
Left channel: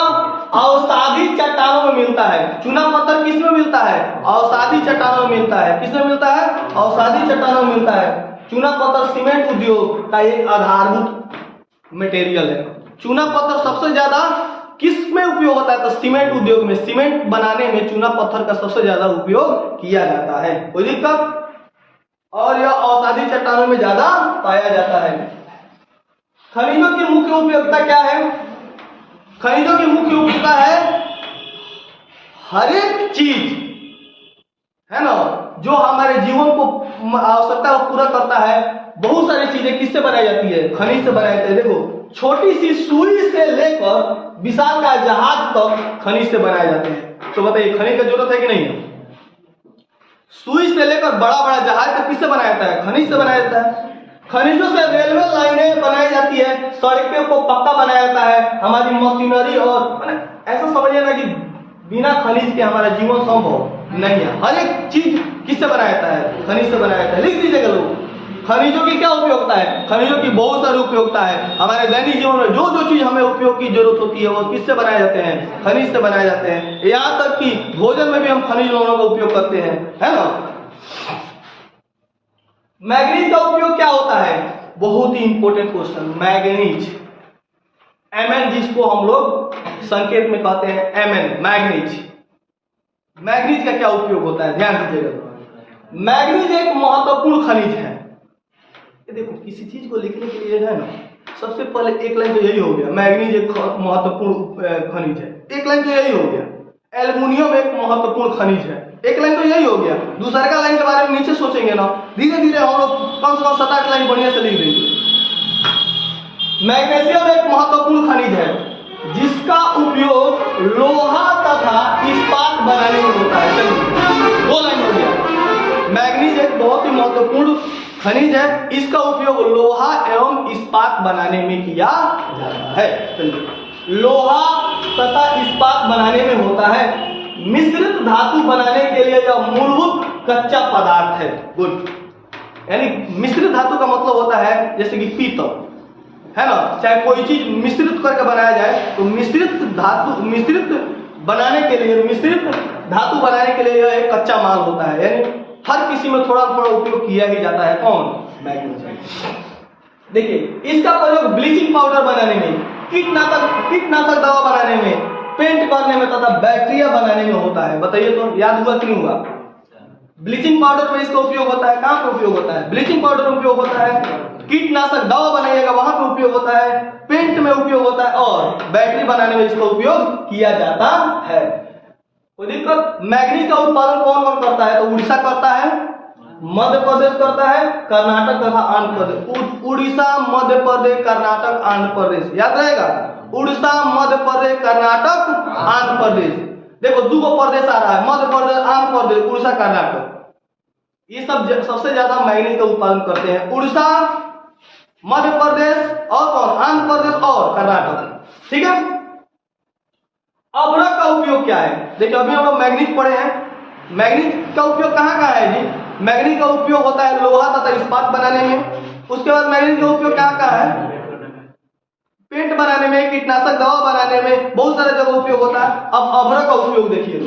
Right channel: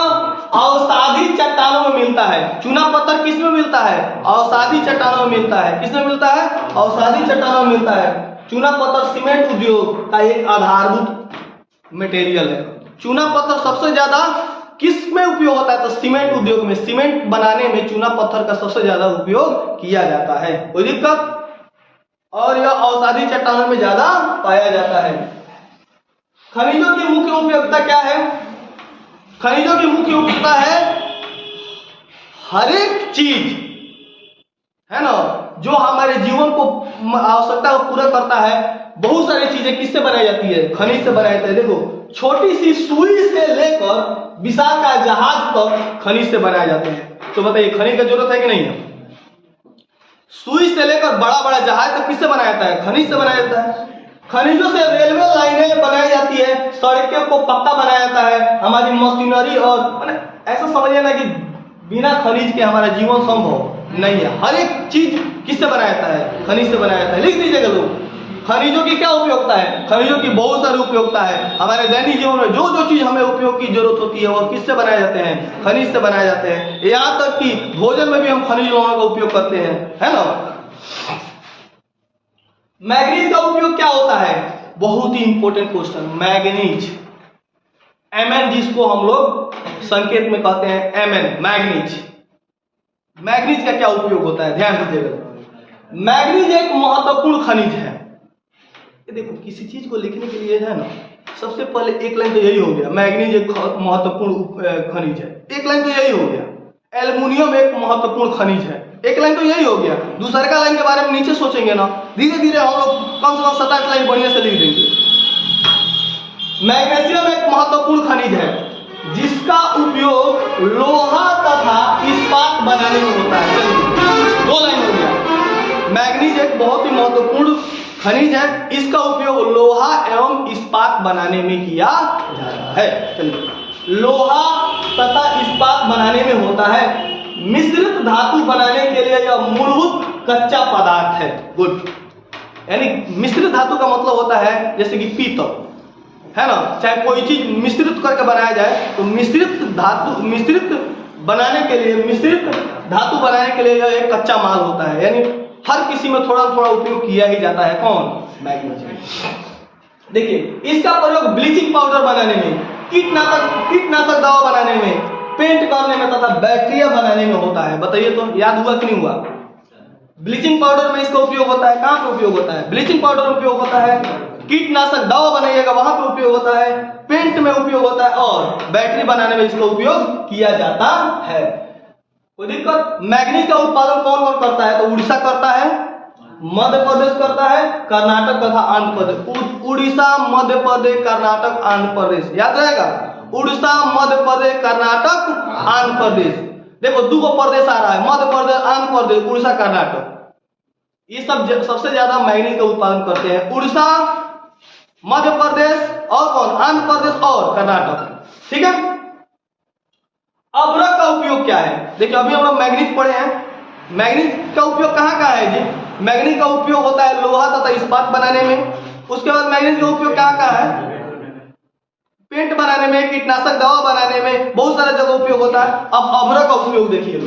अवसादी चट्टानों में मिलता है। चूना पत्थर किस में मिलता है? अवसादी चट्टानों में मिलता है। किस में मिलता है? अवसादी चट्टानों में मिलता है। चूना पत्थर सीमेंट उद्योग का एक आधारभूत मटेरियल है। चूना पत्थर सबसे ज्यादा किस में उपयोग होता है? तो सीमेंट उद्योग में, सीमेंट बनाने में चूना पत्थर का सबसे ज्यादा उपयोग किया जाता है। कोई दिक्कत? और यह औषधि चट्टानों में ज्यादा पाया जाता है। खनिजों की मुख्य उपयोगिता क्या है? खनिजों की मुख्य उपयोगिता है हर एक चीज, है ना, जो हमारे जीवन को आवश्यकता को पूरा करता है। बहुत सारी चीजें किससे बनाई जाती है? खनिज से बनाई जाती है। देखो, छोटी सी सुई से लेकर विशाल का जहाज तक खनिज से बनाए जाते हैं। तो बताइए, खनिज की जरूरत है कि नहीं है? सुई से लेकर बड़ा बड़ा जहाज तक किससे बनाया जाता है? खनिज से बनाया जाता है। खनिजों से रेलवे लाइनें बनाई जाती है, सड़कों को पक्का बनाया जाता है, हमारी मशीनरी, और ऐसा समझिए ना कि बिना खनिज के हमारा जीवन संभव नहीं है। हर एक चीज किससे बनाया जाता है? खनिज से बनाया जाता है। लिख दीजिएगा लोग, खनिजों की क्या उपयोगिता है? खनिजों की बहुत सारी उपयोगिता है। हमारे दैनिक जीवन में जो जो चीज हमें उपयोग की जरूरत होती है वो किससे बनाए जाते हैं? खनिज से बनाए जाते हैं। यहाँ तक कि भोजन में भी हम खनिज लवणों का उपयोग करते हैं, है ना। मैग्नीज का उपयोग क्या होता है? बहुत ही इंपॉर्टेंट क्वेश्चन। मैग्नीज, Mn, जिसको हम लोग संकेत में कहते हैं Mn, मैग्नीज। मैग्नीज का क्या उपयोग होता है? ध्यान दीजिएगा। मैग्नीज एक महत्वपूर्ण खनिज है। ये देखो, किसी चीज को लिखने के लिए है ना, सबसे पहले एक लाइन तो यही हो गया, मैग्नीज एक महत्वपूर्ण खनिज है। एक लाइन तो यही हो गया, एल्युमिनियम एक महत्वपूर्ण खनिज है। एक लाइन तो यही हो गया। दूसरे का लाइन के बारे में नीचे सोचेंगे ना, धीरे धीरे हम लोग कम से कम 7-8 लाइन बढ़िया से लिख देंगे। मैग्नीशियम एक महत्वपूर्ण खनिज है जिसका उपयोग लोहा तथा इस्पात बनाने में होता है। चलिए, 2 लाइन हो गया। मैग्नीज एक बहुत ही महत्वपूर्ण खनिज है, इसका उपयोग लोहा एवं इस्पात बनाने में किया जाता है। चलिए, लोहा तथा इस्पात बनाने में होता है। मिश्रित धातु बनाने के लिए यह मूलभूत कच्चा पदार्थ है। गुड। यानी मिश्रित धातु का मतलब होता है जैसे कि पीतल, है ना, चाहे कोई चीज मिश्रित करके बनाया जाए तो मिश्रित धातु, मिश्रित बनाने के लिए, मिश्रित धातु बनाने के लिए यह एक कच्चा माल होता है। यानी हर किसी में थोड़ा थोड़ा उपयोग किया ही जाता है। कौन? मैग्नीशियम। देखिए, इसका प्रयोग ब्लीचिंग पाउडर बनाने में, कीटनाशक दवा बनाने में, पेंट करने में तथा बैक्टीरिया बनाने में होता है। बताइए तो, याद हुआ कि नहीं हुआ? ब्लीचिंग पाउडर में इसका उपयोग होता है। कहां पे उपयोग होता है? ब्लीचिंग पाउडर में उपयोग होता है। कीटनाशक दवा बनाइएगा वहां पे उपयोग होता है। पेंट में उपयोग होता है, और बैटरी बनाने में इसका उपयोग किया जाता है। कोई दिक्कत? मैग्नीज का उत्पादन कौन कौन करता है? तो उड़ीसा करता है, मध्य प्रदेश करता है, कर्नाटक तथा आंध्र प्रदेश। उड़ीसा, मध्य प्रदेश, कर्नाटक, आंध्र प्रदेश, याद रहेगा। उड़ीसा, मध्य प्रदेश, कर्नाटक, आंध्र प्रदेश। देखो, 2 प्रदेश आ रहा है, मध्य प्रदेश, आंध्र प्रदेश, उड़ीसा, कर्नाटक। ये सब सबसे ज्यादा मैग्नीज का उत्पादन करते हैं। उड़ीसा, मध्य प्रदेश, और कौन? आंध्र प्रदेश और कर्नाटक। ठीक है। अभ्रक का उपयोग क्या है? देखिए, अभी हम लोग मैग्नीज पढ़े हैं। मैग्नीज का उपयोग कहाँ कहाँ है जी? मैग्नीज का उपयोग होता है लोहा तथा इस्पात बनाने में। उसके बाद मैग्नीज का उपयोग कहाँ कहाँ है? पेंट बनाने में, कीटनाशक दवा बनाने में, बहुत सारे जगह उपयोग होता है। अब अभ्रक का उपयोग देखिए।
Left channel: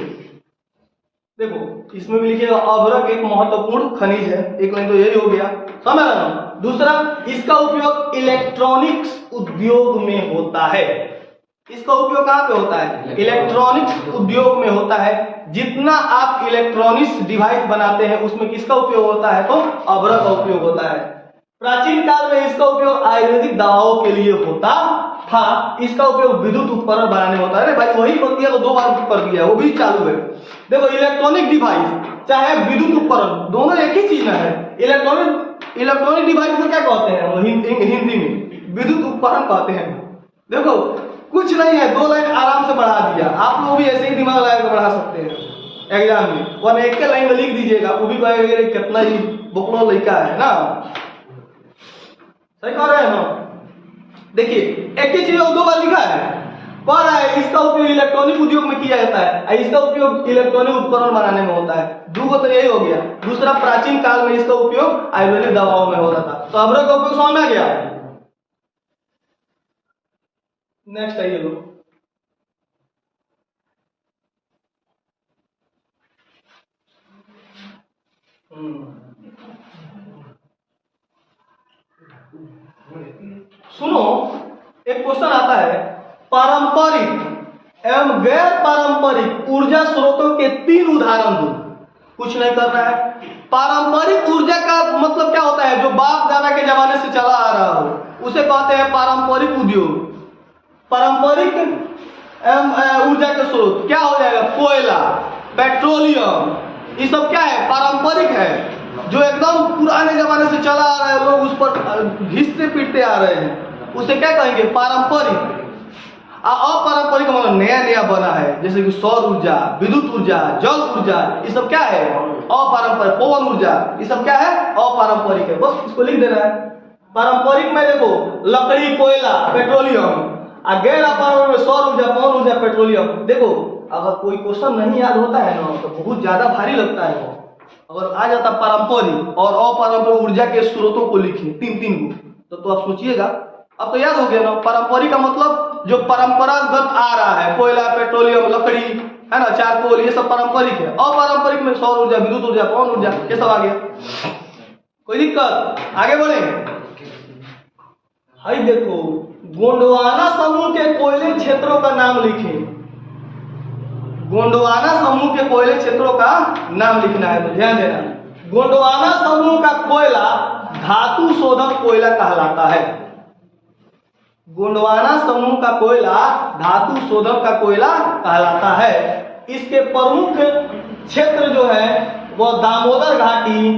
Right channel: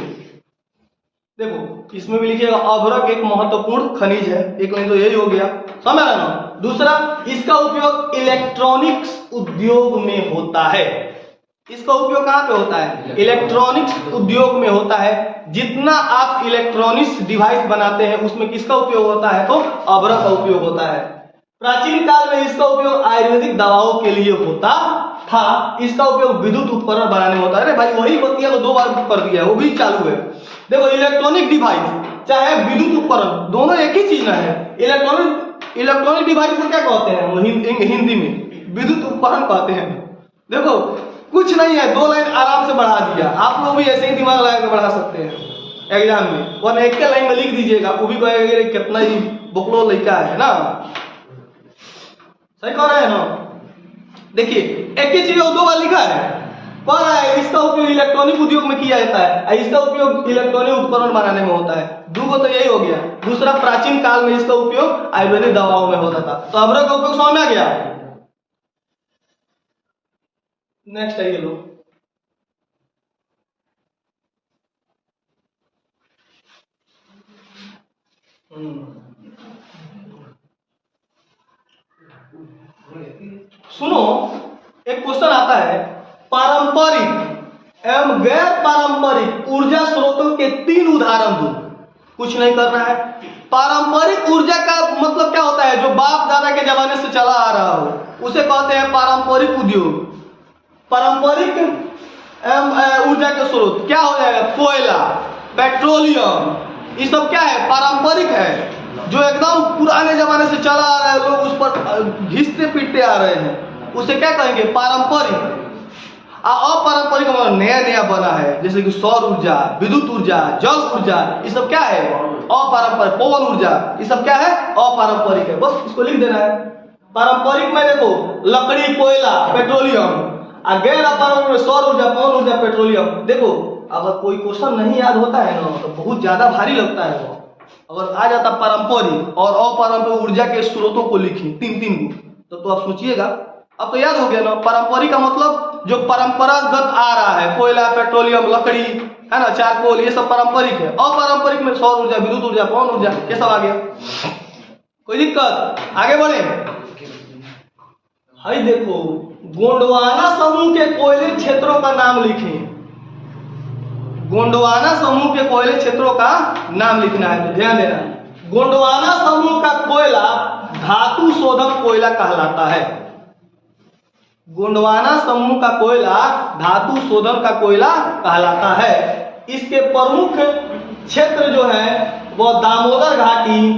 देखो, इसमें भी लिखिएगा, अभ्रक एक महत्वपूर्ण खनिज है। एक लाइन तो यही हो गया, समझ रहे ना। दूसरा, इसका उपयोग इलेक्ट्रॉनिक्स उद्योग में होता है। इसका उपयोग कहां पे होता है? इलेक्ट्रॉनिक्स उद्योग में होता है। जितना आप इलेक्ट्रॉनिक्स डिवाइस बनाते हैं उसमें किसका उपयोग होता है? तो अभ्रक का उपयोग होता है। प्राचीन काल में इसका उपयोग आयुर्वेदिक दवाओं के लिए होता था। इसका उपयोग विद्युत उपकरण बनाने में होता है। अरे भाई, वही बतिया तो 2 बार कर दिया है, वो भी चालू है। देखो, इलेक्ट्रॉनिक डिवाइस चाहे विद्युत उपकरण, दोनों एक ही चीज है। इलेक्ट्रॉनिक डिवाइस को क्या कहते हैं? हिंदी में विद्युत उपकरण कहते हैं। देखो, कुछ नहीं है, 2 लाइन आराम से बढ़ा दिया। आप लोग भी ऐसे ही दिमाग लगा के बढ़ा सकते हैं एग्जाम में, और एक के लाइन में लिख दीजिएगा, वो भी कहेगा कितना ही बकलो लड़का है ना। सही कह रहे हैं ना। देखिए, एक ही चीज 2 बार लिखा है। पढ़ रहा है, इसका उपयोग इलेक्ट्रॉनिक उद्योग में किया जाता है, इसका उपयोग इलेक्ट्रॉनिक उपकरण बनाने में होता है। 2 तो यही हो गया। दूसरा, प्राचीन काल में इसका उपयोग आयुर्वेदिक दवाओं में होता था। तो अभ्रक का उपयोग समझ में आ गया। नेक्स्ट है ये लो, होता है पारंपरिक एवं गैर पारंपरिक ऊर्जा स्रोतों के 3 उदाहरण दो। कुछ नहीं करना है। पारंपरिक ऊर्जा का मतलब क्या होता है? जो बाप दादा के जमाने से चला आ रहा हो, उसे कहते हैं पारंपरिक उद्योग। पारंपरिक ऊर्जा के स्रोत क्या हो जाएगा? कोयला, पेट्रोलियम, ये सब क्या है? पारंपरिक है, जो एकदम पुराने जमाने से चला आ रहा है, लोग उस पर घिसते पीटते आ रहे हैं, उसे क्या कहेंगे? पारंपरिक। अपारंपरिक मतलब नया नया बना है, जैसे कि सौर ऊर्जा, विद्युत ऊर्जा, जल ऊर्जा, ये सब क्या है? अपारंपरिक। पवन ऊर्जा, ये सब क्या है? अपारंपरिक है। बस इसको लिख देना है। पारंपरिक में देखो लकड़ी, कोयला, पेट्रोलियम, और गैर अपारंपरिक सौर ऊर्जा, पवन ऊर्जा, पेट्रोलियम। देखो अगर कोई क्वेश्चन नहीं याद होता है ना तो बहुत ज्यादा भारी लगता है वो। अगर आ जाता पारंपरिक और अपारंपरिक ऊर्जा के स्रोतों को लिखी 3 को, तो आप सोचिएगा। अब तो याद हो गया ना। पारंपरिक का मतलब जो परंपरागत आ रहा है, कोयला, पेट्रोलियम, लकड़ी, है ना, चारकोल, ये सब पारंपरिक है। अपारंपरिक में सौर ऊर्जा, विद्युत ऊर्जा, पवन ऊर्जा, ये सब आ गया। कोई दिक्कत? आगे बढ़े। हाई देखो, गोंडवाना समूह के कोयले क्षेत्रों का नाम लिखें। गोंडवाना समूह के कोयले क्षेत्रों का नाम लिखना है, तो ध्यान देना। गोंडवाना समूह का कोयला धातु शोधक कोयला कहलाता है। गोंडवाना समूह का कोयला धातु शोधन का कोयला कहलाता है। इसके प्रमुख क्षेत्र जो है वह दामोदर घाटी,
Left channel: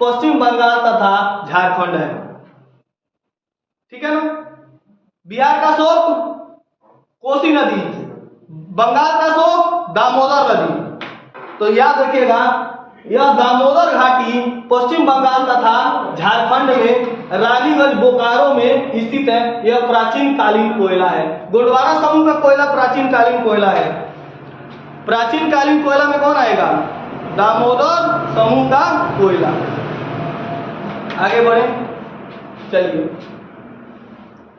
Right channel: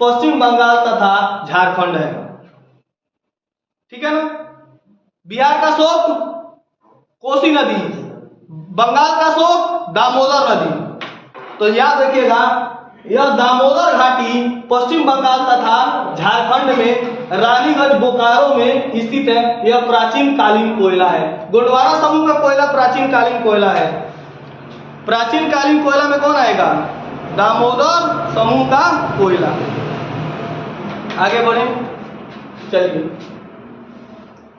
पश्चिम बंगाल तथा झारखंड है। ठीक है ना। बिहार का शोक कोसी नदी, बंगाल का शोक दामोदर नदी। तो याद रखिएगा, यह दामोदर घाटी पश्चिम बंगाल तथा झारखंड में रानीगंज बोकारो में स्थित है। यह प्राचीन कालीन कोयला है। गोंडवाना समूह का कोयला प्राचीन कालीन कोयला है। प्राचीन कालीन कोयला में कौन आएगा? दामोदर समूह का कोयला। आगे बढ़े, चलिए।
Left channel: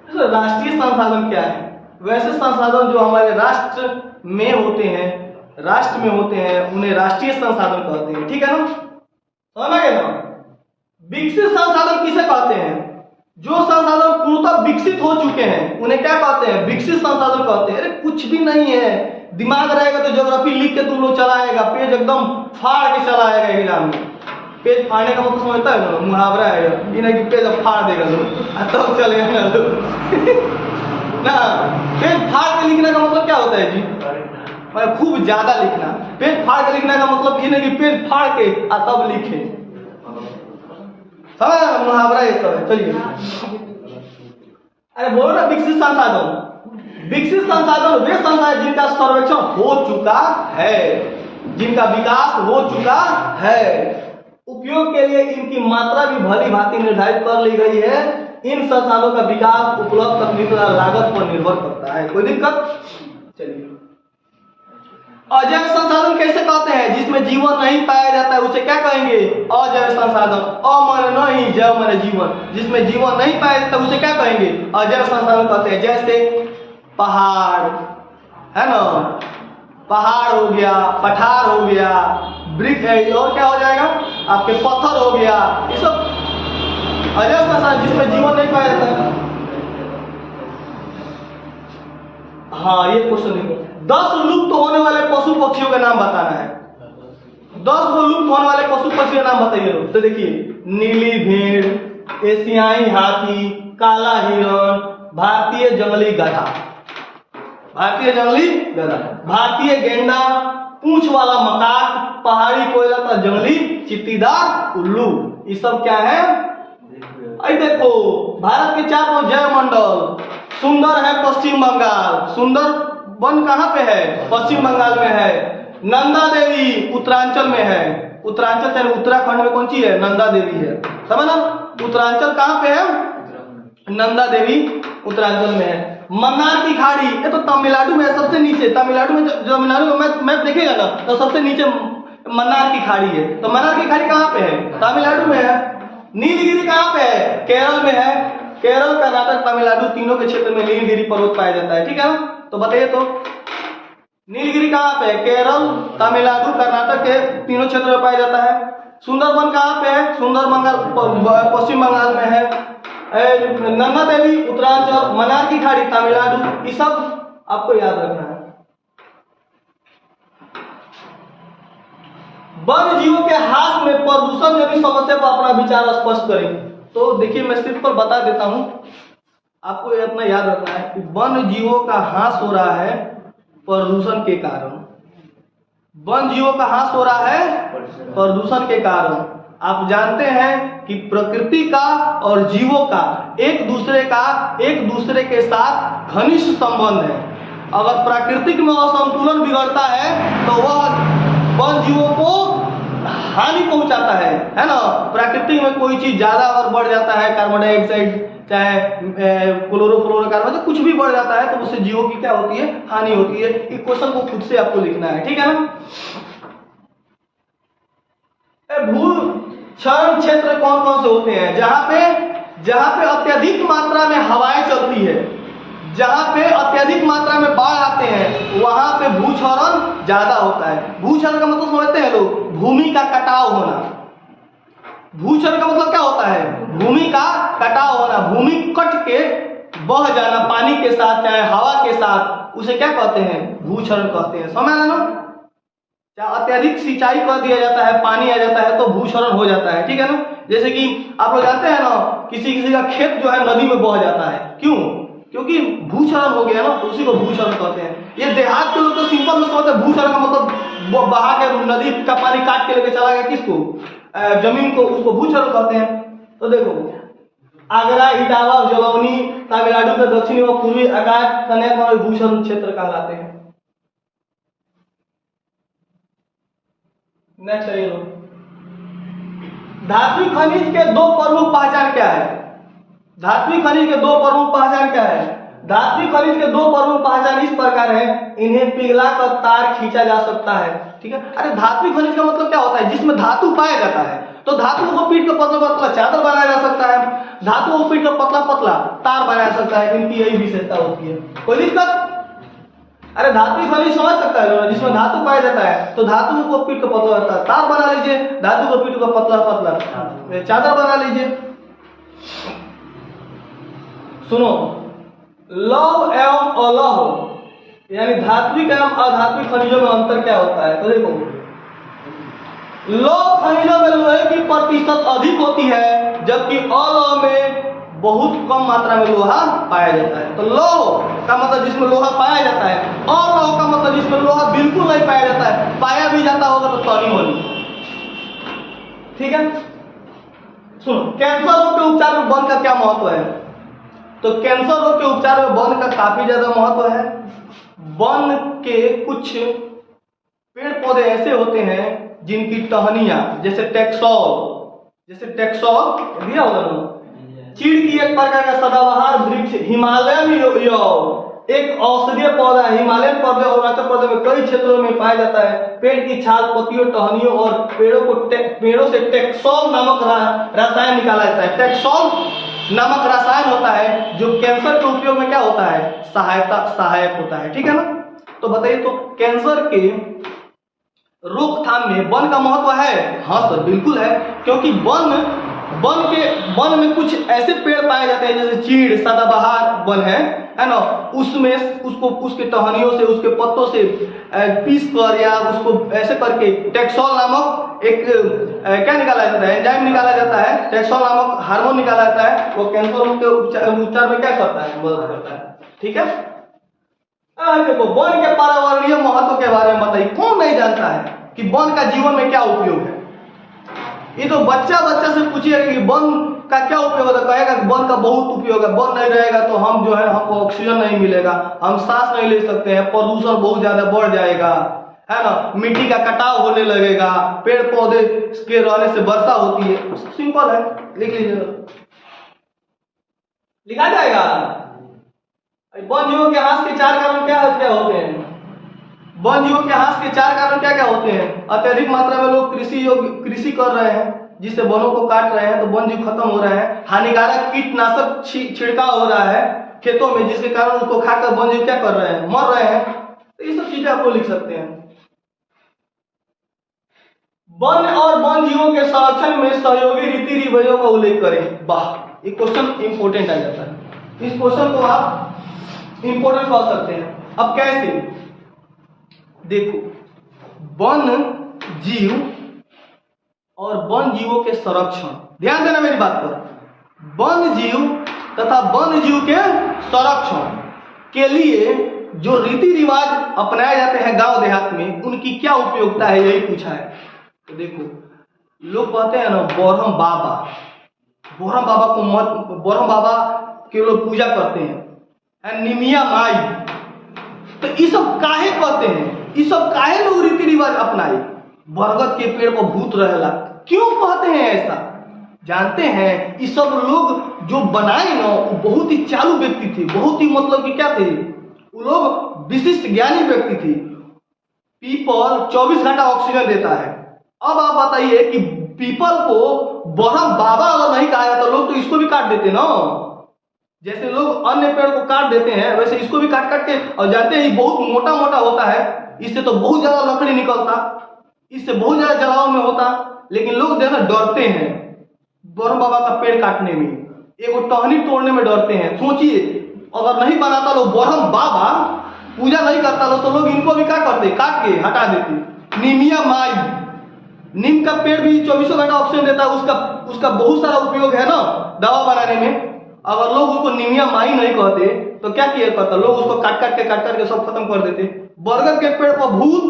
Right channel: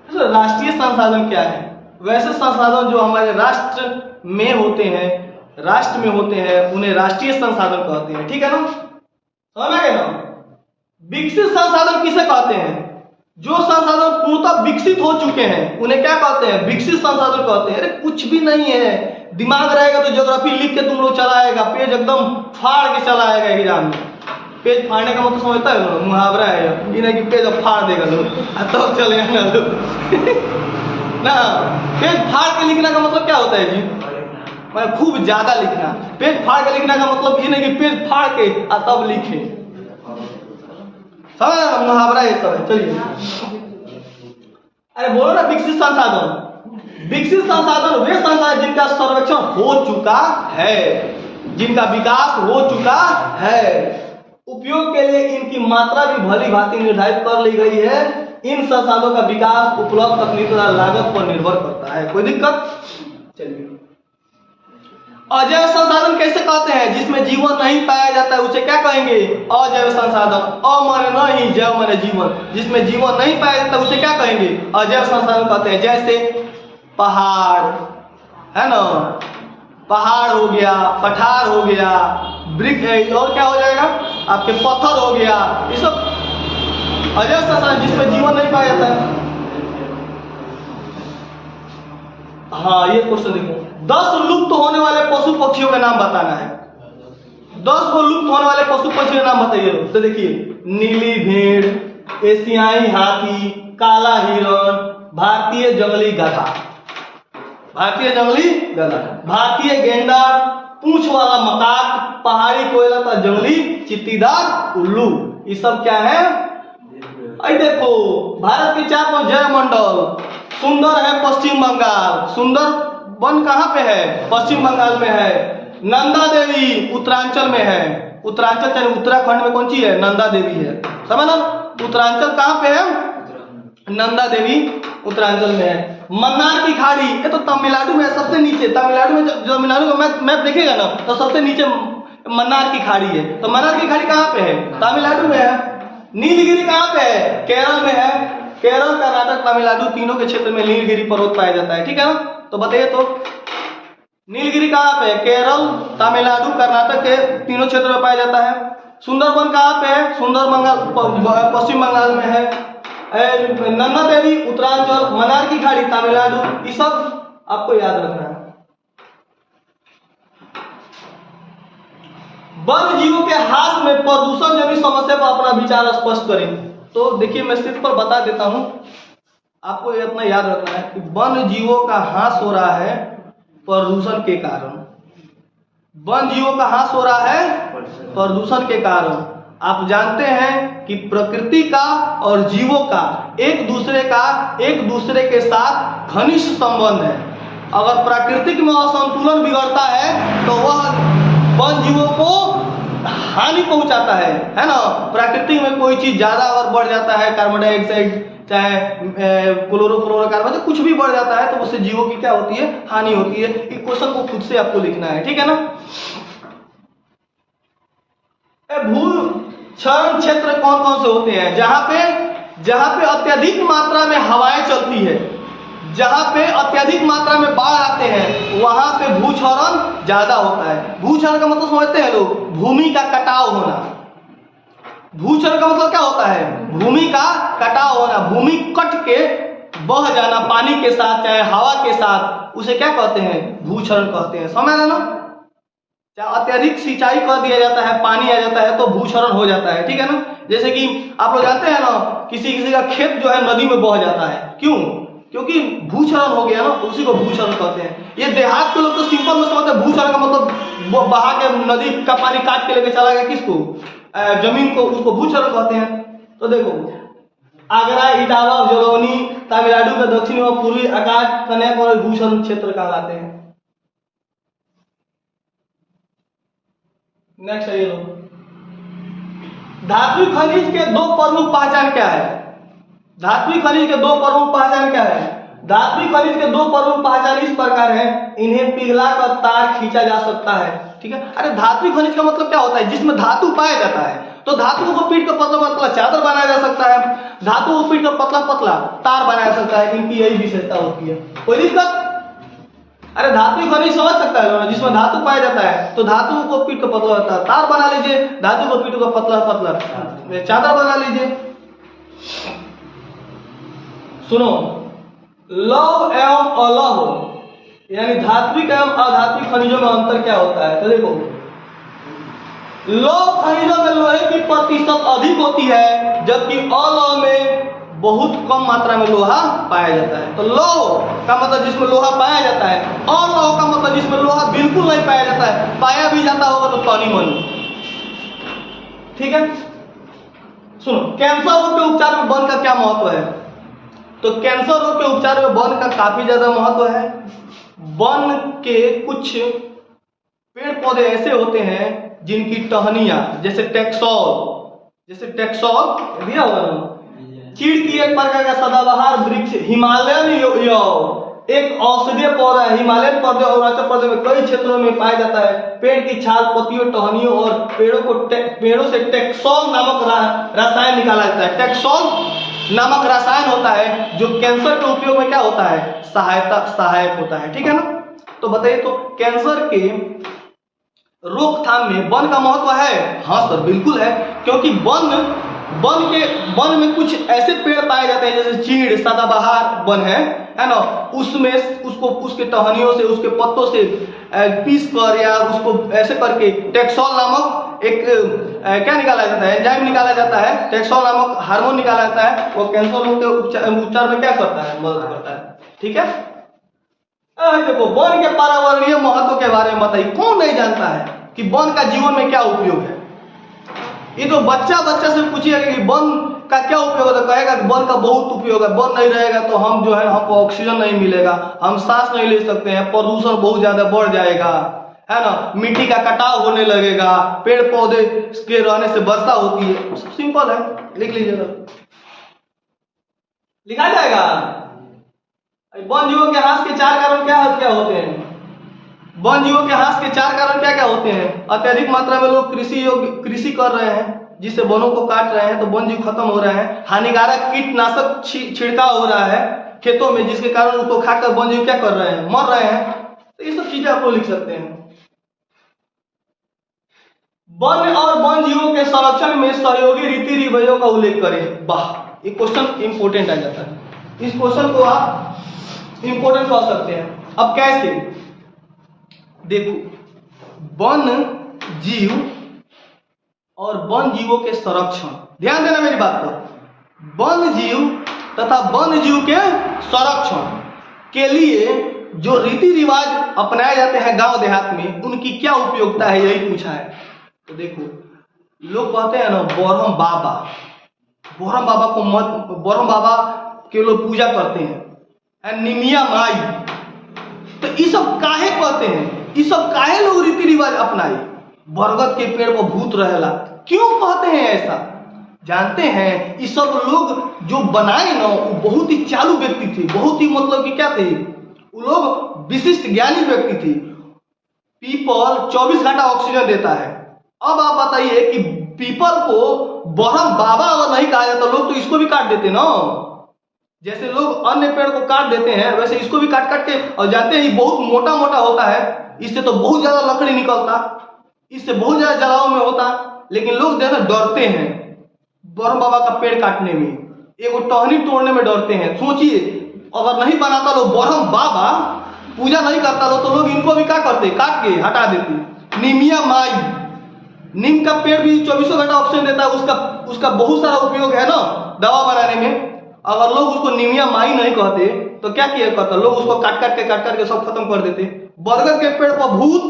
तो राष्ट्रीय संसाधन क्या है? वैसे संसाधन जो हमारे राष्ट्र में होते हैं, उन्हें राष्ट्रीय संसाधन कहते हैं। ठीक है ना, समझ में गया ना। विकसित संसाधन किसे कहते हैं? जो संसाधन पूर्णतः विकसित हो चुके हैं उन्हें क्या कहते हैं? विकसित संसाधन कहते हैं। अरे कुछ भी नहीं है, दिमाग रहेगा तो ज्योग्राफी लिख के तुम लोग चला आएगा, पेज एकदम फाड़ के चला आएगा एग्जाम में। पेज फाड़ने का मतलब समझता है, मुहावरा है ये, नहीं कि पेज फाड़ देगा लोग तो चलेगा ना। पेज फाड़ के लिखने का मतलब क्या होता है जी? मैं खूब ज्यादा लिखना। पेज फाड़ के लिखने का मतलब ये नहीं कि पेज फाड़ के तब लिखे, समझ? मुहावरा ये सब है। चलिए, अरे बोलो ना, विकसित संसाधन। विकसित संसाधन वे संसाधन जिनका सर्वेक्षण हो चुका है, जिनका विकास हो चुका है, उपयोग के लिए इनकी मात्रा भी भली भांति निर्धारित कर ली गई है। इन संसाधनों का विकास उपलब्ध तकनीक तथा लागत पर निर्भर करता है। कोई दिक्कत? चलिए, अजैव संसाधन कैसे कहते हैं? जिसमें जीवन नहीं पाया जाता है उसे क्या कहेंगे? अजैव संसाधन। अ माने नहीं, जैव माने जीवन। जिसमें जीवन नहीं पाया जाता उसे क्या कहेंगे? अजैव संसाधन कहते हैं। जैसे पहाड़, है ना, पहाड़ हो गया, पठार हो गया, ब्रिक है, और क्या हो जाएगा आपके? पत्थर हो गया। ये सब अजैव संसाधन जिसमें जीवन नहीं पाया जाता है। हाँ, ये क्वेश्चन देखो, 10 लुप्त होने वाले पशु पक्षियों का नाम बताना है। 10 को लुप्त होने वाले पशु पक्षियों का नाम बताइए लोग। तो देखिए, नीली भेड़, एशियाई हाथी, काला हिरण, भारतीय जंगली गधा, भारतीय गेंडा, पूंछ वाला मकाक, पहाड़ी कोयला का जंगली चित्तीदार उल्लू। ये सब क्या है? आई देखो, भारत के 4 जैव मंडल। सुंदर है पश्चिम बंगाल, सुंदर वन कहाँ पे है? पश्चिम बंगाल में है। नंदा देवी उत्तरांचल में है। उत्तरांचल यानी उत्तराखंड में कौन सी है? नंदा देवी है। समझ ना, उत्तरांचल कहाँ पे है? नंदा देवी उत्तरांचल में है। मन्नार की खाड़ी, ये तो तमिलनाडु में है, सबसे नीचे। तमिलनाडु में तमिलनाडु का मैप देखेगा ना तो सबसे नीचे मन्नार की खाड़ी है। तो मन्नार की खाड़ी कहाँ पे है? तमिलनाडु में है। नीलगिरी कहाँ पे है? केरल में है। केरल, कर्नाटक, तमिलनाडु तीनों के क्षेत्र में नीलगिरी पर्वत पाया जाता है। ठीक है ना, तो बताइए तो नीलगिरी कहाँ पे है? केरल, तमिलनाडु, कर्नाटक के तीनों क्षेत्र में पाया जाता है। सुंदरबन कहाँ पे है? सुंदरबन पश्चिम बंगाल में है। नन्ना देवी उत्तरांचल, मन्नार की खाड़ी तमिलनाडु, ये सब आपको याद रखना है। वन्य जीवों के ह्रास में प्रदूषण जनित समस्या पर अपना विचार स्पष्ट करें। तो देखिए मैं स्क्रीन पर बता देता हूं, आपको ये अपना याद रखना है कि वन्य जीवों का ह्रास हो रहा है प्रदूषण के कारण। वन्य जीवों का ह्रास हो रहा है प्रदूषण के कारण। आप जानते हैं कि प्रकृति का और जीवों का एक दूसरे के साथ घनिष्ठ संबंध है। अगर प्राकृतिक में असंतुलन बिगड़ता है तो वह वन्य जीवों को हानि पहुंचाता है ना। प्रकृति में कोई चीज ज्यादा अगर बढ़ जाता है, कार्बन डाइऑक्साइड चाहे क्लोरोफ्लोरोकार्बन कुछ भी बढ़ जाता है तो उससे जीवों की क्या होती है, हानि होती है। इस क्वेश्चन को खुद से आपको लिखना है, ठीक है ना। भू क्षरण क्षेत्र कौन कौन से होते हैं? जहां पे अत्यधिक मात्रा में हवाएं चलती है, जहां पे अत्यधिक मात्रा में बाढ़ आते हैं, वहां पे भूक्षरण ज्यादा होता है। भूक्षरण का मतलब समझते हैं लोग, भूमि का कटाव होना। भूक्षरण का मतलब क्या होता है? भूमि का कटाव होना, भूमि कट के बह जाना पानी के साथ चाहे हवा के साथ, उसे क्या कहते हैं? भूक्षरण कहते हैं। समझ आना? चाहे अत्यधिक सिंचाई कर दिया जाता है, पानी आ जाता है तो भूक्षरण हो जाता है, ठीक है ना। जैसे कि आप लोग जानते हैं ना, किसी का खेत जो है नदी में बह जाता है, क्यों? क्योंकि भूक्षरण हो गया ना, तो उसी को भूक्षरण कहते हैं। ये देहात के लोग तो सिंपल में समझते हैं भूक्षरण का मतलब बहा के नदी का पानी काट के लेके चला गया किसको, जमीन को, उसको भूक्षरण कहते हैं। तो देखो आगरा, इटावा, जलौनी, तमिलनाडु के दक्षिणी और पूर्वी आकाश कन्याकुमारी भूक्षरण क्षेत्र कहलाते हैं। नेक्स्ट है ये लो, धात्विक खनिज के दो प्रमुख पहचान क्या है? धात्विक खनिज के दो प्रमुख पहचान क्या है? धात्विक खनिज के दो प्रमुख पहचान इस प्रकार है, इन्हें पिघला कर तार खींचा जा सकता है, ठीक है। अरे धात्विक खनिज का मतलब क्या होता है? जिसमें धातु पाया जाता है। तो धातु को पीट कर पतला पतला चादर बनाया जा सकता है, धातु को पीट कर पतला पतला तार बनाया जा सकता है। इनकी यही विशेषता होती है, कोई दिक्कत? अरे धातु खनिज समझ सकता है, जिसमें धातु पाया जाता है तो धातु को पीट कर पतला पतला तार बना लीजिए, धातु को पीट कर पतला पतला चादर बना लीजिए। सुनो, लौह एवं अलौह यानी धात्विक एवं अधात्विक खनिजों में अंतर क्या होता है? तो देखो, लौह खनिजों में लोहे की प्रतिशत अधिक होती है, जबकि अलौह में बहुत कम मात्रा में लोहा पाया जाता है। तो लौह का मतलब जिसमें लोहा पाया जाता है, और लौह का मतलब जिसमें लोहा बिल्कुल नहीं पाया जाता है, पाया भी जाता होगा तो तनी मनी, ठीक है। सुनो, कैंसर रोग के उपचार में वन का क्या महत्व है? तो कैंसर रोग के उपचार में वन का काफी ज्यादा महत्व है। वन के कुछ पेड़ पौधे ऐसे होते हैं जिनकी टहनियां, जैसे टेक्सोल दिया हुआ ना, चीड़ की एक प्रकार का सदाबहार वृक्ष, हिमालयन एक औषधीय पौधा है। हिमालयन पौधे और अरुणाचल प्रदेश में कई क्षेत्रों में पाया जाता है। पेड़ की छाल, पत्तियों, टहनियों और पेड़ों से टेक्सोल नामक रसायन निकाला जाता है। टेक्सोल नामक रसायन होता है जो कैंसर के उपयोग में क्या होता है? सहायक होता है, ठीक है ना। तो बताइए, तो कैंसर के रोकथाम में वन का महत्व है? हाँ सर, बिल्कुल है। क्योंकि वन में कुछ ऐसे पेड़ पाए जाते हैं जैसे चीड़, सदाबहार वन है ना, उसमें उसके टहनियों से, उसके पत्तों से पीस कर या उसको ऐसे करके टेक्सोल नामक एक क्या निकाला जाता है, एंजाइम निकाला जाता है, टेक्सोल नामक हार्मोन निकाला जाता है। वो कैंसर के उपचार में क्या करता है? मदद करता है, ठीक है। देखो, वन के पर्यावरणीय महत्व के बारे में बताइए, कौन नहीं जानता है कि वन का जीवन में क्या उपयोग है? ये तो बच्चा से पूछिए कि वन का क्या उपयोग है, कहेगा कि वन का बहुत उपयोग है। वन नहीं रहेगा तो हम जो है, हमको ऑक्सीजन नहीं मिलेगा, हम सांस नहीं ले सकते हैं, प्रदूषण बहुत ज्यादा बढ़ जाएगा, है ना, मिट्टी का कटाव होने लगेगा, पेड़ पौधे के रहने से वर्षा होती है। सिंपल है, लिख लीजिएगा, लिखा जाएगा। वन जीवों के ह्रास के चार कारण क्या होते हैं? वन जीवों के ह्रास के चार कारण क्या होते हैं? अत्यधिक मात्रा में लोग कृषि कर रहे हैं, जिससे वनों को काट रहे हैं तो वन जीव खत्म हो रहे हैं। हानिकारक कीटनाशक छिड़काव हो रहा है खेतों में, जिसके कारण उनको खाकर वन जीव क्या कर रहे हैं? मर रहे हैं। तो ये सब चीजें आपको लिख सकते हैं। वन और वन जीवों के संरक्षण में सहयोगी रीति रिवाजों का उल्लेख करें। वाह, ये क्वेश्चन इंपॉर्टेंट आ जाता है। इस क्वेश्चन को आप इंपॉर्टेंट कह सकते हैं। अब कैसे, देखो वन जीव और वन जीवों के संरक्षण, ध्यान देना मेरी बात पर। वन जीव तथा वन जीव के संरक्षण के लिए जो रीति रिवाज अपनाए जाते हैं गांव देहात में, उनकी क्या उपयोगिता है, यही पूछा है। तो देखो लोग कहते हैं ना बरहम बाबा, बरहम बाबा को मत, बरहम बाबा के लोग पूजा करते हैं, निमिया माई, तो ये सब काहे कहते हैं, ये सब काहे लोग रीति रिवाज अपनाए। बरगद के पेड़ पर भूत रहेला, क्यों कहते हैं ऐसा, जानते हैं? ये सब लोग जो बनाए ना वो बहुत ही चालू व्यक्ति थे, बहुत ही मतलब कि क्या थे, वो लोग विशिष्ट ज्ञानी व्यक्ति थे। पीपल 24 घंटा ऑक्सीजन देता है। अब आप बताइए कि पीपल को बरहम बाबा अगर नहीं कहा जाता, लोग तो इसको भी काट देते ना। जैसे लोग अन्य पेड़ को काट देते हैं, वैसे इसको भी काट काट के, और जानते हैं बहुत मोटा मोटा होता है, इससे तो बहुत ज्यादा लकड़ी निकलता, इससे बहुत ज्यादा जलाव में होता, लेकिन लोग जो है ना डरते हैं बरहम बाबा का पेड़ काटने में, एक टहनी तोड़ने में डरते हैं। सोचिए अगर नहीं बनाता लोग बरहम बाबा, पूजा नहीं करता लोग, तो लोग इनको भी क्या करते, काट के हटा देते। निमिया माई, नीम का पेड़ भी 24 घंटा ऑक्सीजन देता है, उसका बहुत सारा उपयोग है ना दवा बनाने में। अगर लोग उसको निमिया माई नहीं कहते तो क्या किया करता, लोग उसको काट काट के सब खत्म कर देते। बरगद के पेड़ पर भूत,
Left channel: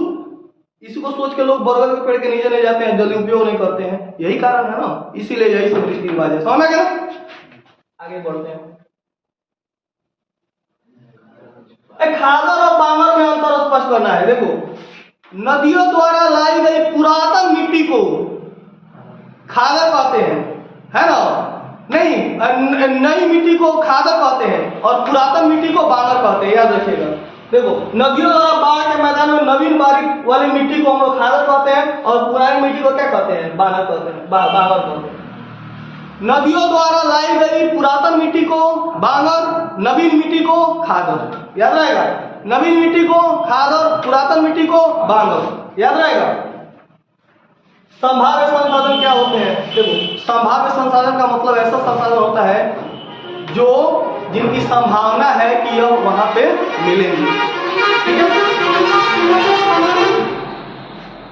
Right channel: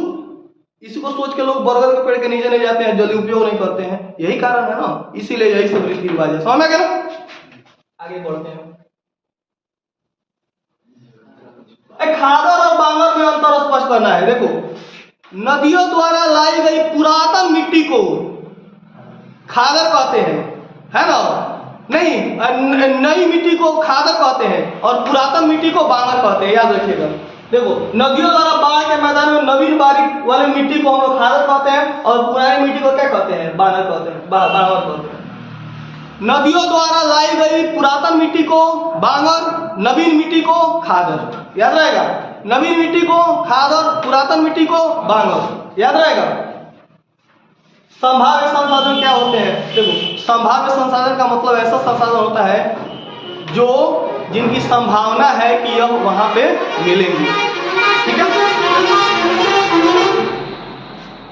इसको सोच के लोग बरगद के पेड़ के नीचे ले जाते हैं, जल्दी उपयोग नहीं करते हैं, यही कारण है ना, इसीलिए यही सब रीति रिवाज है। समझ में गया? आगे बढ़ते हैं। खादर और बांगर में अंतर स्पष्ट करना है। देखो नदियों द्वारा लाई गई पुरातन मिट्टी को खादर कहते हैं, है ना? नहीं, नई मिट्टी को खादर कहते हैं और पुरातन मिट्टी को बांगर कहते हैं, याद रखिएगा। देखो नदियों द्वारा बाढ़ के मैदान में नवीन बारीक वाली मिट्टी को हम लोग खादर कहते हैं और पुरानी मिट्टी को क्या कहते हैं, बांगर कहते हैं, बांगर कहते हैं। नदियों द्वारा लाई गई पुरातन मिट्टी को बांगर, नवीन मिट्टी को खादर, याद रहेगा। नवीन मिट्टी को खादर, पुरातन मिट्टी को बांगर, याद रहेगा। संभाव्य संसाधन क्या होते हैं? देखो संभाव्य संसाधन का मतलब ऐसा संसाधन होता है जो जिनकी संभावना है कि यह वहां पे मिलेंगे, ठीक है।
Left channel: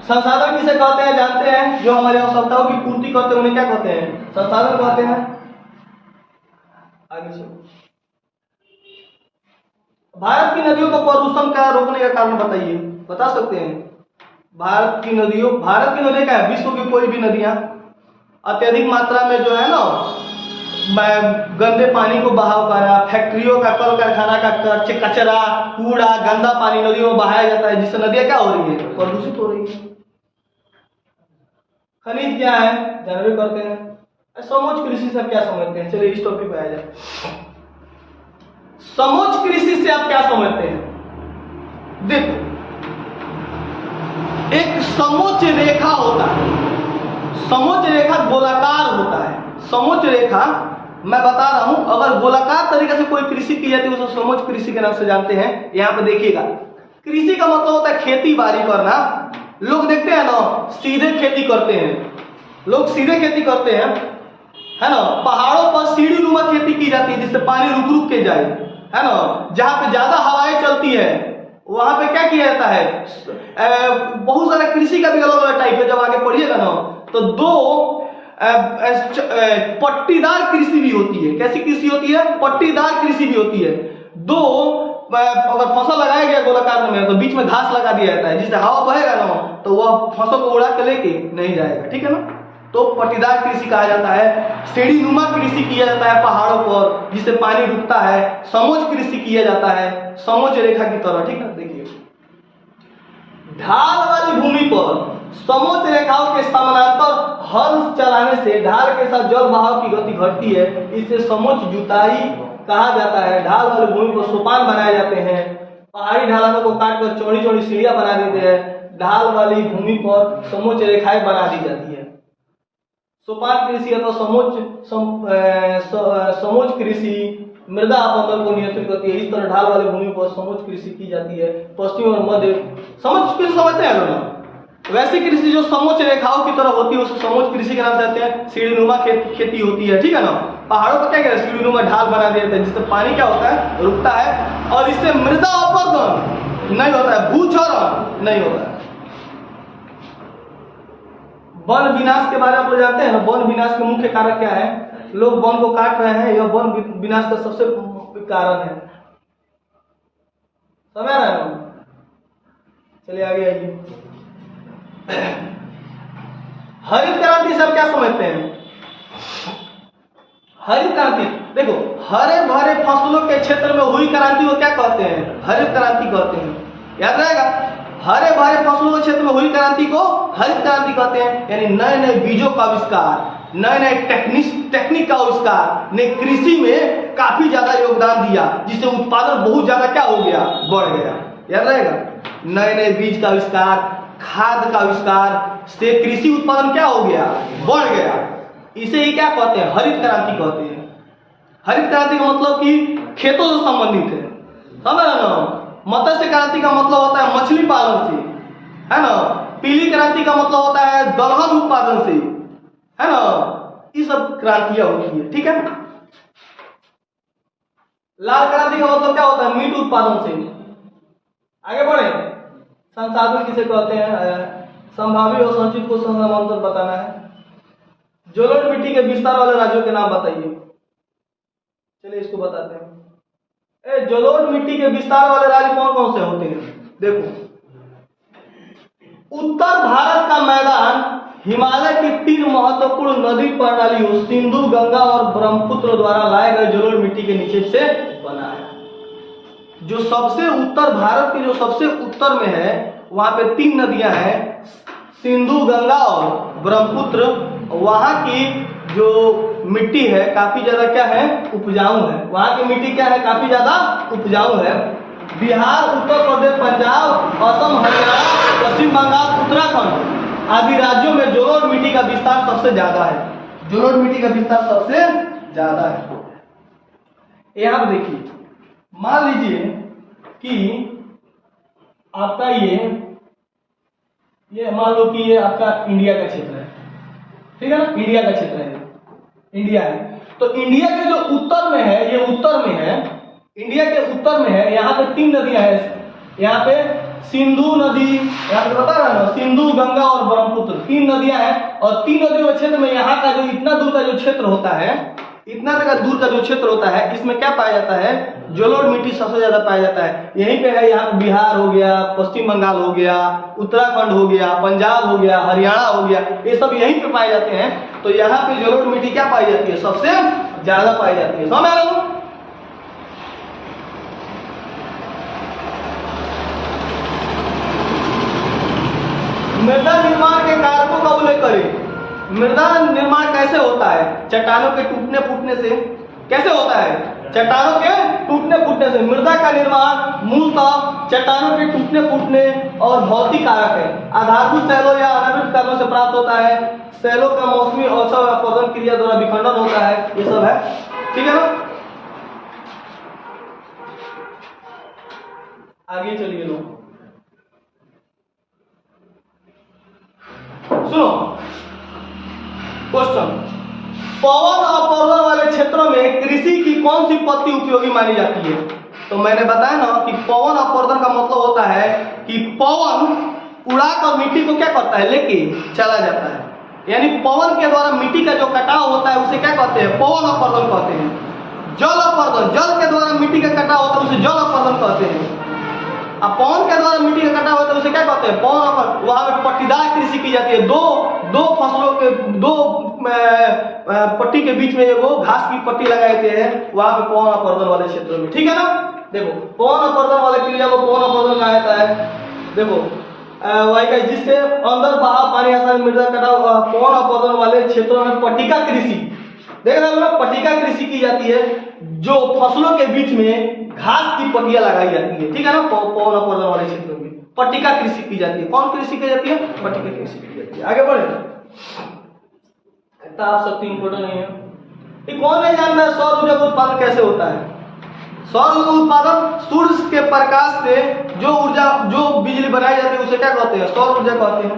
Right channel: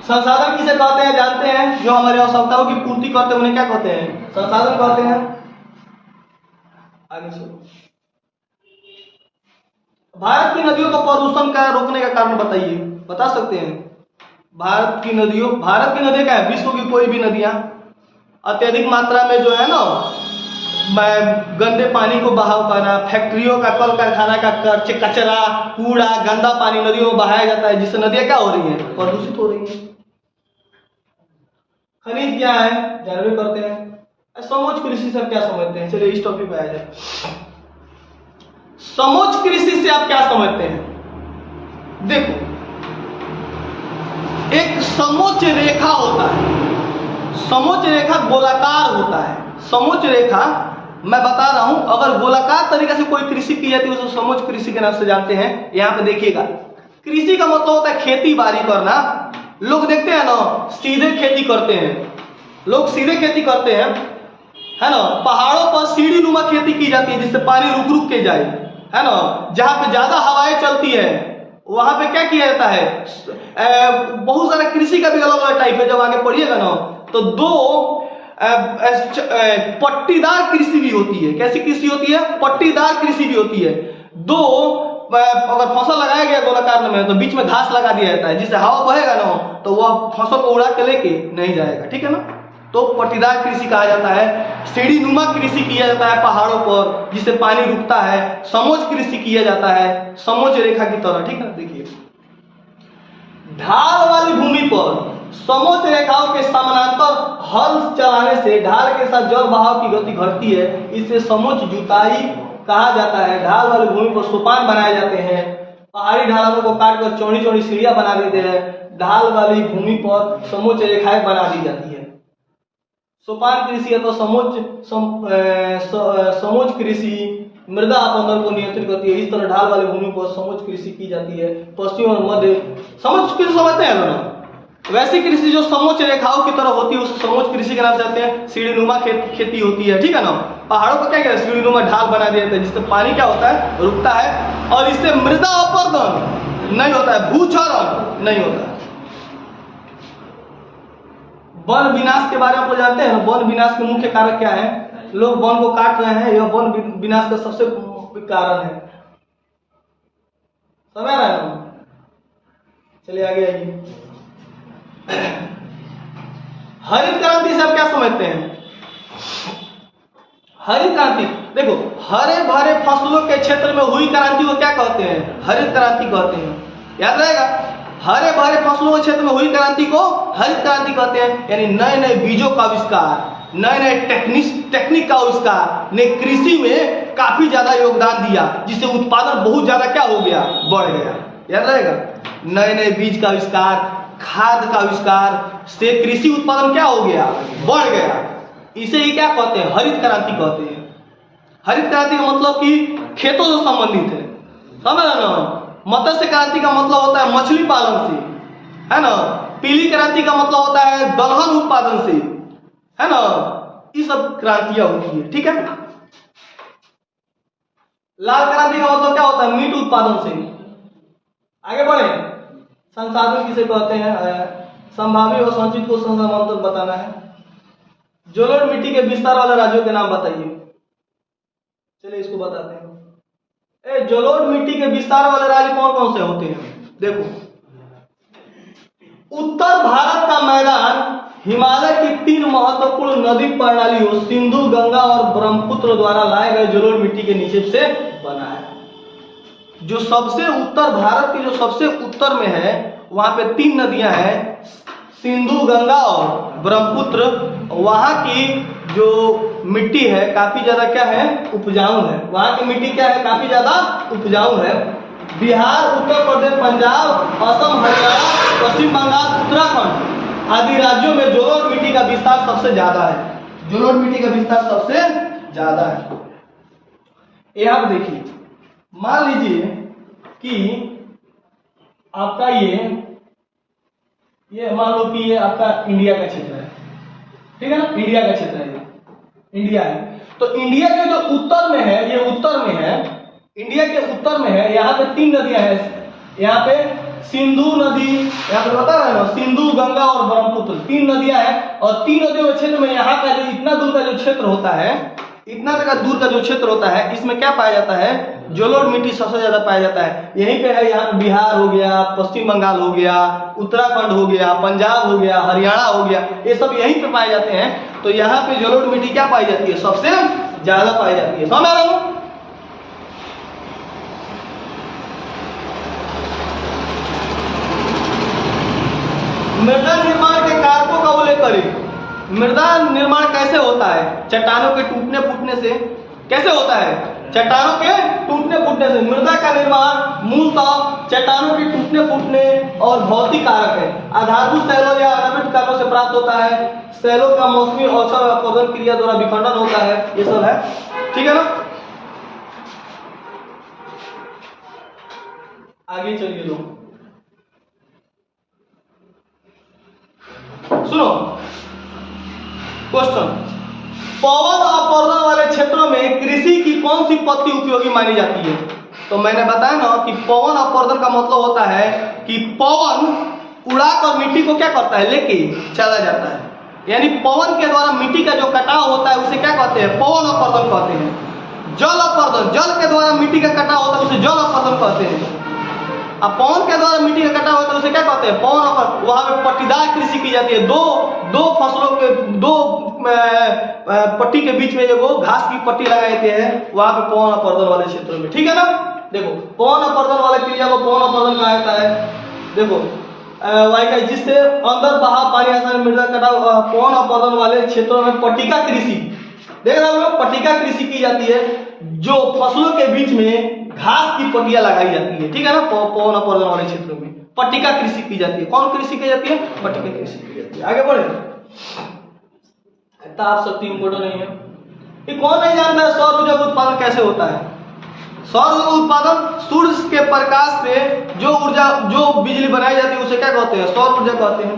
संसाधन किसे कहते हैं जानते हैं? जो हमारे आवश्यकताओं की पूर्ति करते हैं उन्हें क्या कहते हैं? संसाधन कहते हैं। आगे से भारत की नदियों को प्रदूषण क्या रोकने का कारण बताइए, बता सकते हैं? भारत की नदियां क्या है? विश्व की कोई भी नदियां अत्यधिक मात्रा में जो है ना गंदे पानी को बहाव करना, फैक्ट्रियों का, कल कारखाना का कचरा, कूड़ा, गंदा पानी नदियों में बहाया जाता है, जिससे नदियां क्या हो रही है? प्रदूषित हो रही है। खनिज क्या है? जानवे करते हैं। समोच्च कृषि से आप क्या समझते हैं? चलिए इस टॉपिक पे आ जाए। समोच्च कृषि से आप क्या समझते हैं? देखो एक समोच्च रेखा होता है, समोच्च रेखा गोलाकार होता है। समोच्च रेखा मैं बता रहा हूं, अगर गोलाकार तरीके से कोई कृषि की जाती है उसे समोच्च कृषि के नाम से जानते हैं। यहां पे देखिएगा, कृषि का मतलब होता है खेती बाड़ी करना। लोग देखते हैं ना सीधे खेती करते हैं, लोग सीधे खेती करते हैं, है ना। पहाड़ों पर सीढ़ी नुमा खेती की जाती है जिससे पानी रुक रुक के जाए, है ना। जहां पे ज्यादा हवाएं चलती है वहां पे क्या किया जाता है? बहुत सारे कृषि का भी अलग अलग टाइप है, जब आगे पढ़िएगा ना तो दो पट्टीदार कृषि भी होती है। कैसी कृषि होती है? पट्टीदार कृषि भी होती है। दो अगर फसल लगाया गया गोलाकार में तो बीच में घास लगा दिया जाता है, जिससे हवा बहेगा ना तो वह फसल को उड़ा के लेके नहीं जाएगा, ठीक है ना। तो पट्टीदार कृषि कहा जाता है। सीढ़ी नुमा कृषि किया जाता है पहाड़ों पर जिससे पानी रुकता है। समोच्च कृषि किया जाता है समोच्च रेखा की तरह, ठीक है। देखिए ढाल वाली भूमि पर समोच्च रेखाओं के समानांतर हल चलाने से ढाल के साथ जल बहाव की गति घटती है, इससे समोच्च जुताई कहा जाता है। ढाल वाली भूमि पर सोपान बनाए जाते हैं, पहाड़ी ढलानों को काटकर चौड़ी चौड़ी सीढ़ियां बना देते हैं। ढाल वाली भूमि पर समोच्च रेखाएं बना दी जाती है। सोपान कृषि अथवा समोच्च कृषि मृदा अपरदन को नियंत्रित करती है। इस तरह ढाल वाली भूमि पर समोच्च कृषि की जाती है। पश्चिम और मध्य समोच्च कृषि समझते हैं लोग। वैसी कृषि जो समोच्च रेखाओं की तरह होती है उसे समोच्च कृषि के नाम से कहते हैं। सीढ़ीनुमा खेती होती है, ठीक है ना। पहाड़ों पर क्या किया, सीढ़ियों में ढाल बना दिया था जिससे पानी क्या होता है, रुकता है, और इससे मृदा अपरदन नहीं होता है, भूक्षरण नहीं होता है। वन विनाश के बारे में आप जानते हैं, वन विनाश के मुख्य कारक क्या है, लोग वन को काट रहे हैं, यह वन विनाश का सबसे मुख्य कारण है। समझ रहे हैं? चलिए आगे आइए। हरित क्रांति से आप क्या समझते हैं? हरित क्रांति, देखो हरे भरे फसलों के क्षेत्र में हुई क्रांति को क्या कहते हैं, हरित क्रांति कहते हैं। याद रहेगा, हरे भरे फसलों के क्षेत्र में हुई क्रांति को हरित क्रांति कहते हैं। यानी नए नए बीजों का आविष्कार, नए नए टेक्निक का आविष्कार ने कृषि में काफी ज्यादा योगदान दिया, जिससे उत्पादन बहुत ज्यादा क्या हो गया, बढ़ गया। याद रहेगा, नए नए बीज का आविष्कार, खाद का आविष्कार से कृषि उत्पादन क्या हो गया, बढ़ गया। इसे ही क्या कहते हैं, हरित क्रांति कहते हैं। हरित क्रांति का मतलब कि खेतों से संबंधित है, समझ रहे ना। मत्स्य क्रांति का मतलब होता है मछली पालन से, है ना। पीली क्रांति का मतलब होता है दलहन उत्पादन से, है ना। ये सब क्रांतियां होती है, ठीक है। लाल क्रांति का मतलब क्या होता है, मीट उत्पादन से। आगे बढ़े, संसाधन किसे कहते हैं, संभावी और संचित को समांतर बताना है। जलोढ़ मिट्टी के विस्तार वाले राज्यों के नाम बताइए। चलिए इसको बताते हैं। जलोढ़ मिट्टी के विस्तार वाले राज्य कौन कौन से होते हैं? देखो, उत्तर भारत का मैदान हिमालय की 3 महत्वपूर्ण नदी प्रणालियों सिंधु, गंगा और ब्रह्मपुत्र द्वारा लाए गए जलोढ़ मिट्टी के नीचे से बना है। जो सबसे उत्तर, भारत के जो सबसे उत्तर में है, वहां पे 3 नदियां हैं, सिंधु, गंगा और ब्रह्मपुत्र। वहां की जो मिट्टी है काफी ज्यादा क्या है, उपजाऊ है। वहां की मिट्टी क्या है, काफी ज्यादा उपजाऊ है। बिहार, उत्तर प्रदेश, पंजाब, असम, हरियाणा, पश्चिम बंगाल, उत्तराखंड आदि राज्यों में जलोढ़ मिट्टी का विस्तार सबसे ज्यादा है। जलोढ़ मिट्टी का विस्तार सबसे ज्यादा है। यहां पर देखिए, मान लीजिए कि आपका ये मान लो कि ये आपका इंडिया का क्षेत्र है, ठीक है ना, इंडिया का क्षेत्र है, इंडिया है। तो इंडिया के जो उत्तर में है, ये उत्तर में है, इंडिया के उत्तर में है। यहाँ पे 3 नदियां हैं, यहाँ पे सिंधु नदी, यहाँ पे बता रहा है सिंधु, गंगा और ब्रह्मपुत्र 3 नदियां हैं। और 3 नदियों के क्षेत्र में यहाँ का जो इतना दूर का जो क्षेत्र होता है, इतना दूर का जो क्षेत्र होता है, इसमें क्या पाया जाता है, जलोढ़ मिट्टी सबसे ज्यादा पाया जाता है। यहीं पे है, यहाँ बिहार हो गया, पश्चिम बंगाल हो गया, उत्तराखंड हो गया, पंजाब हो गया, हरियाणा हो गया, ये सब यहीं पे पाए जाते हैं। तो यहाँ पे जलोढ़ मिट्टी क्या पाई जाती है, सबसे ज्यादा पाई जाती है। समझ रहे हो? मृदा निर्माण के कारकों का उल्लेख करें। मृदा निर्माण कैसे होता है? चट्टानों के टूटने फूटने से। कैसे होता है? चट्टानों के टूटने फूटने से। मृदा का निर्माण मूलतः चट्टानों के टूटने फूटने और भौतिक कारक है। आधारभूत शैलों या अनावृत कारकों से प्राप्त होता है। शैलों का मौसमी अवसर अपवर्तन क्रिया द्वारा विखंडन होता है। ये सब है, ठीक है ना। आगे चलिए लोग, सुनो क्वेश्चन। पवन अपवर्तन वाले क्षेत्रों में कृषि की कौन सी पद्धति उपयोगी मानी जाती है? तो मैंने बताया ना कि पवन अपवर्तन का मतलब होता है कि पवन उड़ाकर मिट्टी को क्या करता है, लेके चला जाता है। यानी पवन के द्वारा मिट्टी का जो कटाव होता है उसे क्या कहते हैं, पवन अपवर्तन कहते हैं। जल अपवर्तन, जल के द्वारा मिट्टी का कटाव होता है उसे जल अपवर्तन कहते हैं। अब पवन के द्वारा मिट्टी का कटाव होता है उसे क्या कहते हैं, पवन अपवर्तन। वहां पे पट्टीदार कृषि की जाती है, दो फसलों के दो पट्टी के बीच में जो घास की पट्टी लगाई जाती है, वहां पे पवन अपवर्तन वाले क्षेत्रों में, ठीक है ना। देखो, पवन अपवर्तन वाले क्रिया को पवन अपवर्तन कहा जाता है। देखो वाई जिससे अंदर बाहर पानी आसानी मृदा कटाव। पवन अपवर्तन वाले क्षेत्रों में पट्टिका कृषि, देख रहे हो, पट्टिका कृषि की जाती है, जो फसलों के बीच में घास की पट्टियां लगाई जाती है, ठीक है ना। पवन अपवर्तन वाले क्षेत्रों में पट्टिका कृषि की जाती है। कौन कृषि की जाती है? पट्टिका कृषि की जाती है। आगे बढ़े, इतना आप शक्ति इंपोर्टेंट नहीं है। ये कौन नहीं जानता है सौर ऊर्जा का उत्पादन कैसे होता है? सौर ऊर्जा उत्पादन सूर्य के प्रकाश से जो ऊर्जा, जो बिजली बनाई जाती है उसे क्या कहते हैं, सौर ऊर्जा कहते हैं।